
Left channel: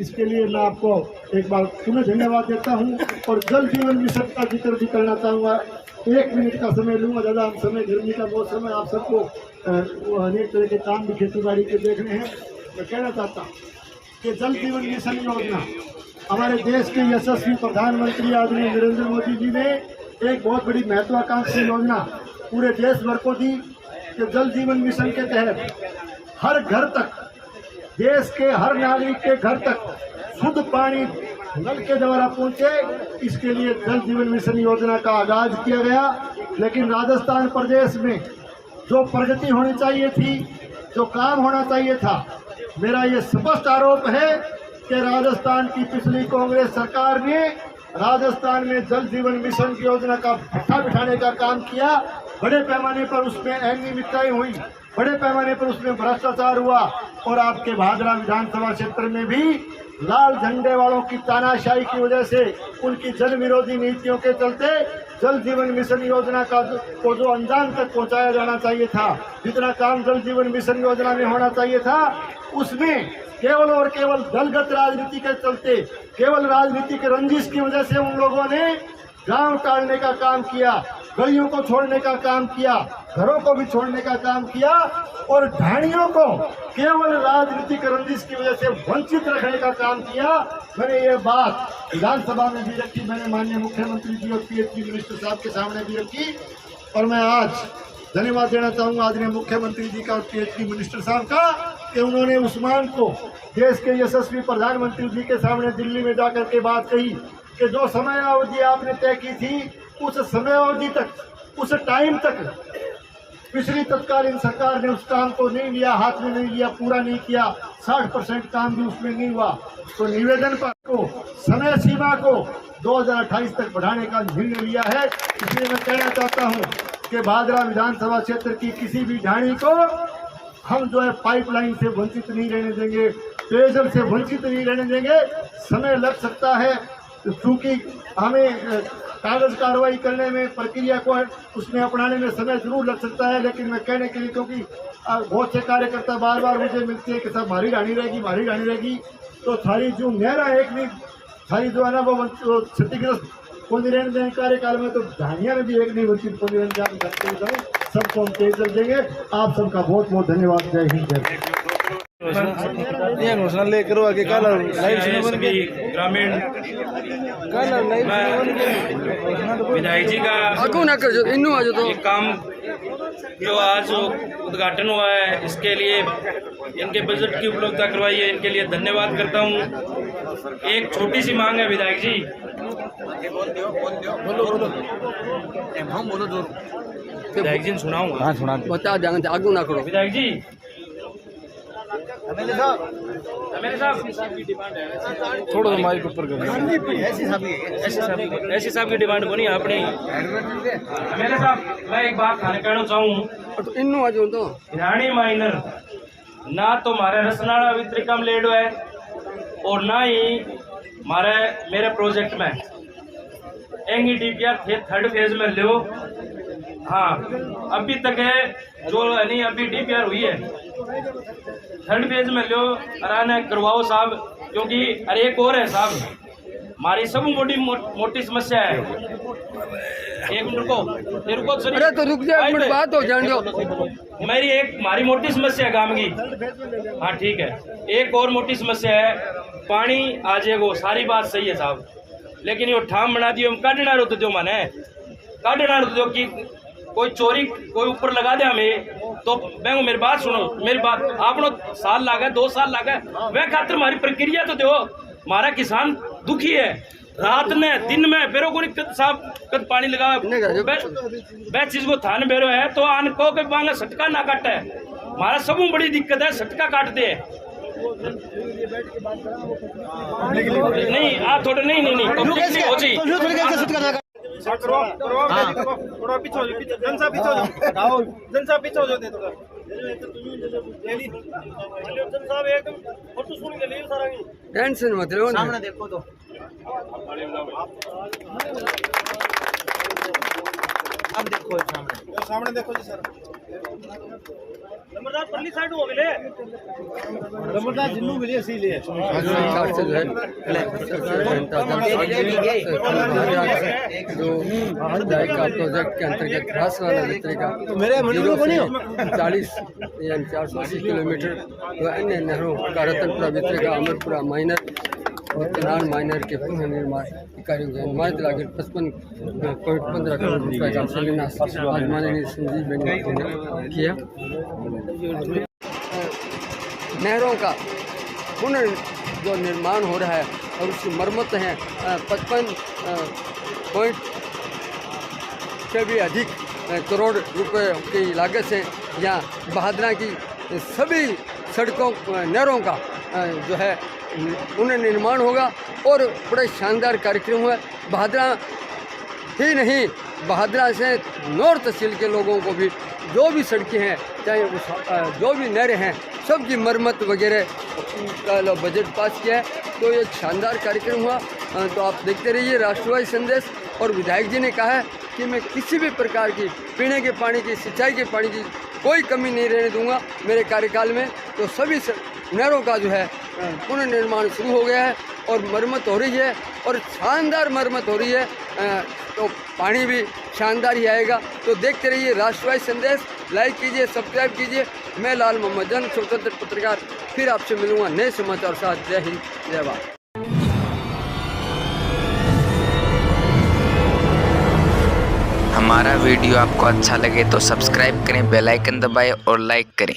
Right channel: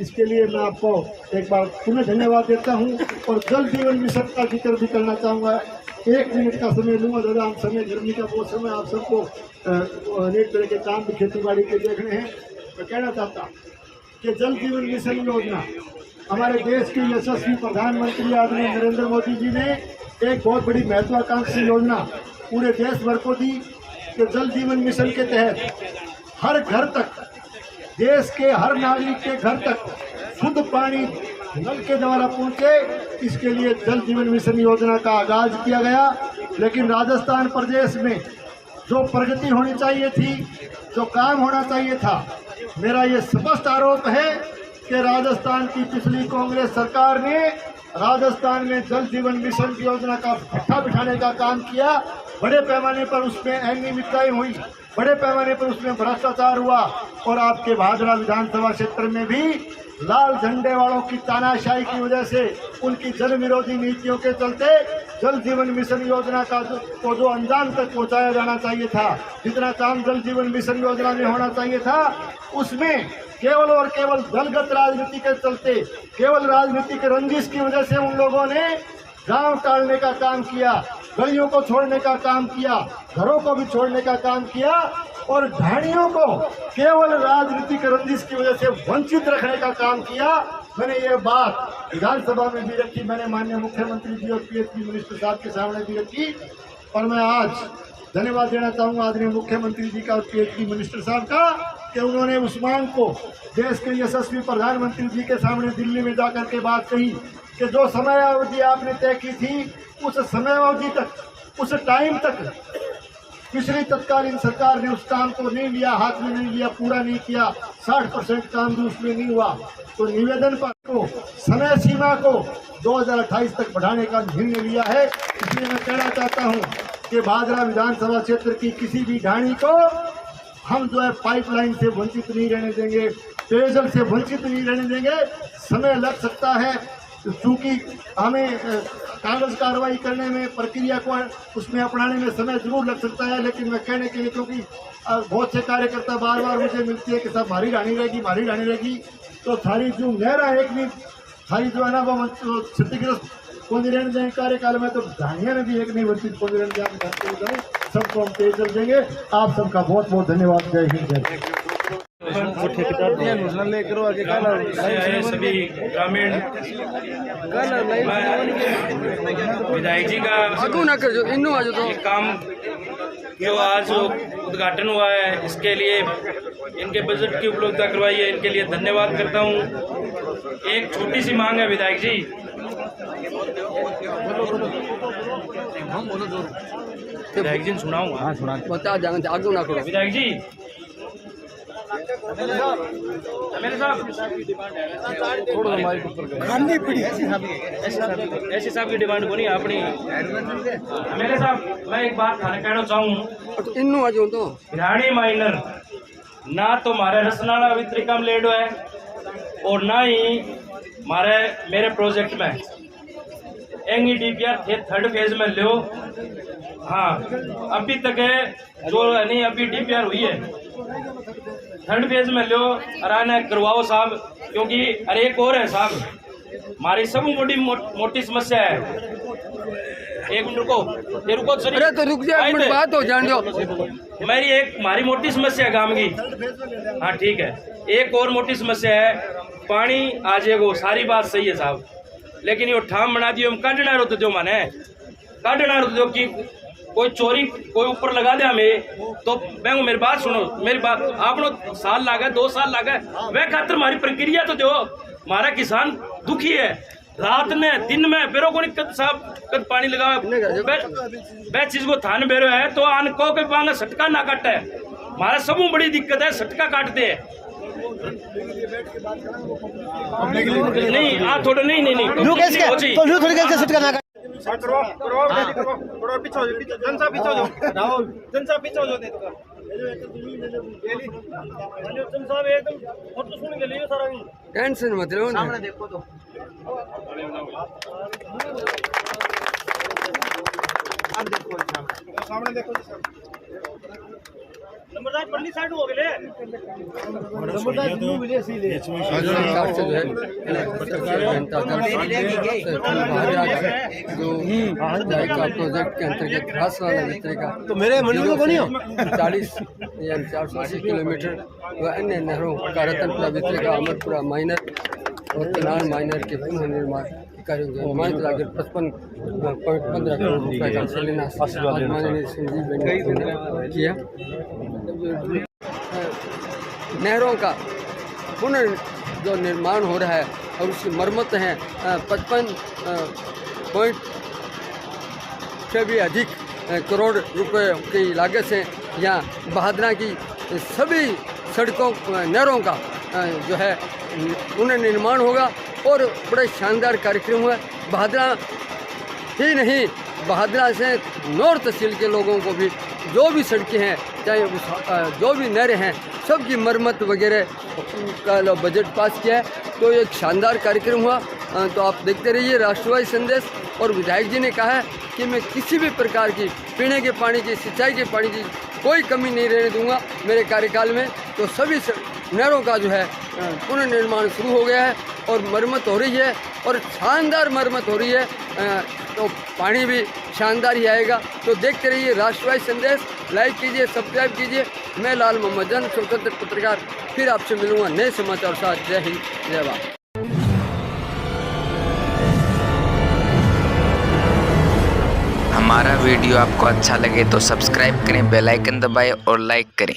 इसके लिए मैं आपको एक बार पुनः धन्यवाद देता हूँ। और जल जीवन मिशन का जिक्र भी करना चाहूँगा। 1 मिनट का समय लूँगा दादा, हम समय गर्मी का मौसम है, आप सबको अनेक तरह के काम भी खेती बाड़ी के देखने हैं। मैं कहना चाहता हूँ कि जल जीवन मिशन योजना हमारे देश के यशस्वी प्रधानमंत्री आदरणीय नरेंद्र मोदी जी ने एक बहुत बड़ी महत्वाकांक्षी योजना पूरे देश भर को दी कि जल जीवन मिशन के तहत हर घर तक, देश के हर नागरिक के घर तक शुद्ध पानी नल के द्वारा पहुंचे। इसके लिए जल जीवन मिशन योजना का आगाज किया गया। लेकिन राजस्थान प्रदेश में जो प्रगति होनी चाहिए थी, जो काम होना चाहिए था, मेरा ये स्पष्ट आरोप है कि राजस्थान की पिछली कांग्रेस सरकार ने राजस्थान में जल जीवन मिशन की योजना का भट्ठा बिठाने का काम किया। बड़े पैमाने पर उसमें अनियमितताएं हुई, बड़े पैमाने पर उसमें भ्रष्टाचार हुआ और आपके भादरा विधानसभा क्षेत्र में भी लाल झंडे वालों की तानाशाही की वजह से, उनकी जन विरोधी नीतियों के चलते जल जीवन मिशन योजना का को जो अंजाम तक पहुंचाया जाना चाहिए था, जितना काम जल जीवन मिशन योजना में होना चाहिए था, उसमें केवल और केवल दलगत राजनीति के चलते, केवल राजनीति के रंजिश की वजह से उन लोगों ने गांव टालने का काम किया, गलियों को छोड़ने का काम किया, घरों को भी छोड़ने का काम किया और ढाणियों को केवल राजनीतिक रंजिश की वजह से वंचित रखने का काम किया। मैंने ये बात विधानसभा में भी रखी, मैंने माननीय मुख्यमंत्री जी और पीएचडी मिनिस्टर साहब के सामने भी रखी और मैं आज धन्यवाद देना चाहूँगा आदरणीय मुख्यमंत्री जी का, पीएचडी मिनिस्टर साहब का, कि उन्होंने उस मांग को देश के यशस्वी प्रधानमंत्री जी के सामने दिल्ली में जाकर के बात कही कि जो समयावधि आपने तय की थी उस समयावधि तक, उस टाइम तक पिछली तत्कालीन सरकार ने उस काम को नहीं लिया, हाथ में नहीं लिया, पूरा नहीं किया। 60% काम भी उसमें नहीं हुआ। तो निवेदन पर को समय सीमा को 2028 तक बढ़ाने का निर्णय लिया है। इसलिए मैं कहना चाहता हूँ कि भादरा विधानसभा क्षेत्र की किसी भी ढाणी को हम जो है पाइपलाइन से वंचित नहीं रहने देंगे, पेयजल से वंचित नहीं रहने देंगे। समय लग सकता है क्योंकि हमें कागज कार्रवाई करने में, प्रक्रिया को उसमें अपनाने में समय जरूर लग सकता है, लेकिन मैं कहने के लिए, क्योंकि बहुत से कार्यकर्ता बार बार मुझे मिलते हैं कि साहब भारी ढाणी रहेगी, भारी ढाणी रहेगी, तो थारी जो मेरा एक भी थारी जो है ना वो क्षतिग्रस्त कौन रहने देंगे कार्यकाल में, तो ढाणिया में भी एक नहीं वंचित कौन रहने जाए। सबको हम पेयजल देंगे। आप सबका बहुत बहुत धन्यवाद। जय हिंद, जय सभी ग्रामीण विधायक जी का ये काम जो आज उद्घाटन हुआ है, इसके लिए इनके बजट की उपलब्धता करवाई है, इनके लिए धन्यवाद करता हूँ। एक छोटी सी मांग है विधायक जी, विधायक जी सुनाऊंगा। हाँ सुना, बता देंगे, आगू ना करो विधायक जी। मेरे साहब थोड़ा माइक ऊपर करो। ऐसी साहब की डिमांड बनी अपनी। मेरे साहब मैं एक बात कहना चाहूँ, इन्नू आज तो भिरानी माइनर ना तो मारे रसनाड़ा वितरिकम लेडो है और ना ही मेरे प्रोजेक्ट में एंगी डीपीआर थे 3rd फेज में लो। हाँ अभी तक है जो नहीं, अभी डीपीआर हुई है 3rd फेज में लो, अराना करवाओ साहब, क्योंकि अरे एक और है साहब, हमारी सब मोटी समस्या है। एक मिनट रुको, रुको सर, अरे तो रुक जाए, एक मिनट बात हो जान दो। मेरी एक हमारी मोटी समस्या है गांव की। हाँ ठीक है, एक और मोटी समस्या है, पानी आ जाएगा, सारी बात सही है साहब, लेकिन यो ठाम बना दियो हम काटना रो तो जो माने काटना रो तो जो कि कोई चोरी कोई ऊपर लगा दे हमें तो मैं मेरी बात सुनो, मेरी बात आपनो साल लागे 2 साल लागे वह खातर हमारी प्रक्रिया तो दो। हमारा किसान दुखी है, रात में दिन में बेरो को कद साहब कद पानी लगा वह चीज को थान बेरो है तो आन को के मांगा सटका ना काटे। हमारा सबू बड़ी दिक्कत है, सटका काटते है नहीं आ थोड़ा नहीं हो चाहिए टेंशन मत लो ना। नंबरदार पल्ली साइड हो गए नंबरदार जिन्नू मिले इसीलिए सरकार से जो है जनता दल भाजपा का जो जायका प्रोजेक्ट के अंतर्गत रासवाला वितरे का 40 यानी 480 किलोमीटर व अन्य नहरों का रतनपुरा वितरे का अमरपुरा माइनर और कनान माइनर के पुनः निर्माण के कार्यों की अनुमानित लागत 55.15 करोड़ रुपए का शिलान्यास आज माननीय संजीव बेनीवाल ने किया। नहरों का पुनः जो निर्माण हो रहा है और उसकी मरम्मत है 55 पॉइंट से भी अधिक करोड़ रुपए की लागत से यहाँ बहादुरा की सभी सड़कों नहरों का जो है पुनर्निर्माण होगा और बड़ा शानदार कार्यक्रम हुआ। बहादुरा ही नहीं, बहादुरा से नौर तहसील के लोगों को भी जो भी सड़कें हैं चाहे उस जो भी नहरें हैं सबकी मरम्मत वगैरह का बजट पास किया है। तो एक शानदार कार्यक्रम हुआ। तो आप देखते रहिए राष्ट्रवादी संदेश। और विधायक जी ने कहा है कि मैं किसी भी प्रकार की पीने के पानी की, सिंचाई के पानी की कोई कमी नहीं रहने दूंगा मेरे कार्यकाल में। तो सभी नहरों का जो है पुनर्निर्माण शुरू हो गया है और मरम्मत हो रही है और शानदार मरम्मत हो रही है। तो पानी भी शानदार ही आएगा। तो देखते रहिए राष्ट्रवादी संदेश, लाइक कीजिए, सब्सक्राइब कीजिए। मैं लाल मोहम्मद जन, स्वतंत्र पत्रकार, फिर आपसे मिलूंगा नए समाचार साथ। जय हिंद, जय भारत। हमारा वीडियो आपको अच्छा लगे तो सब्सक्राइब करें, बेल आइकन दबाएं और लाइक करें।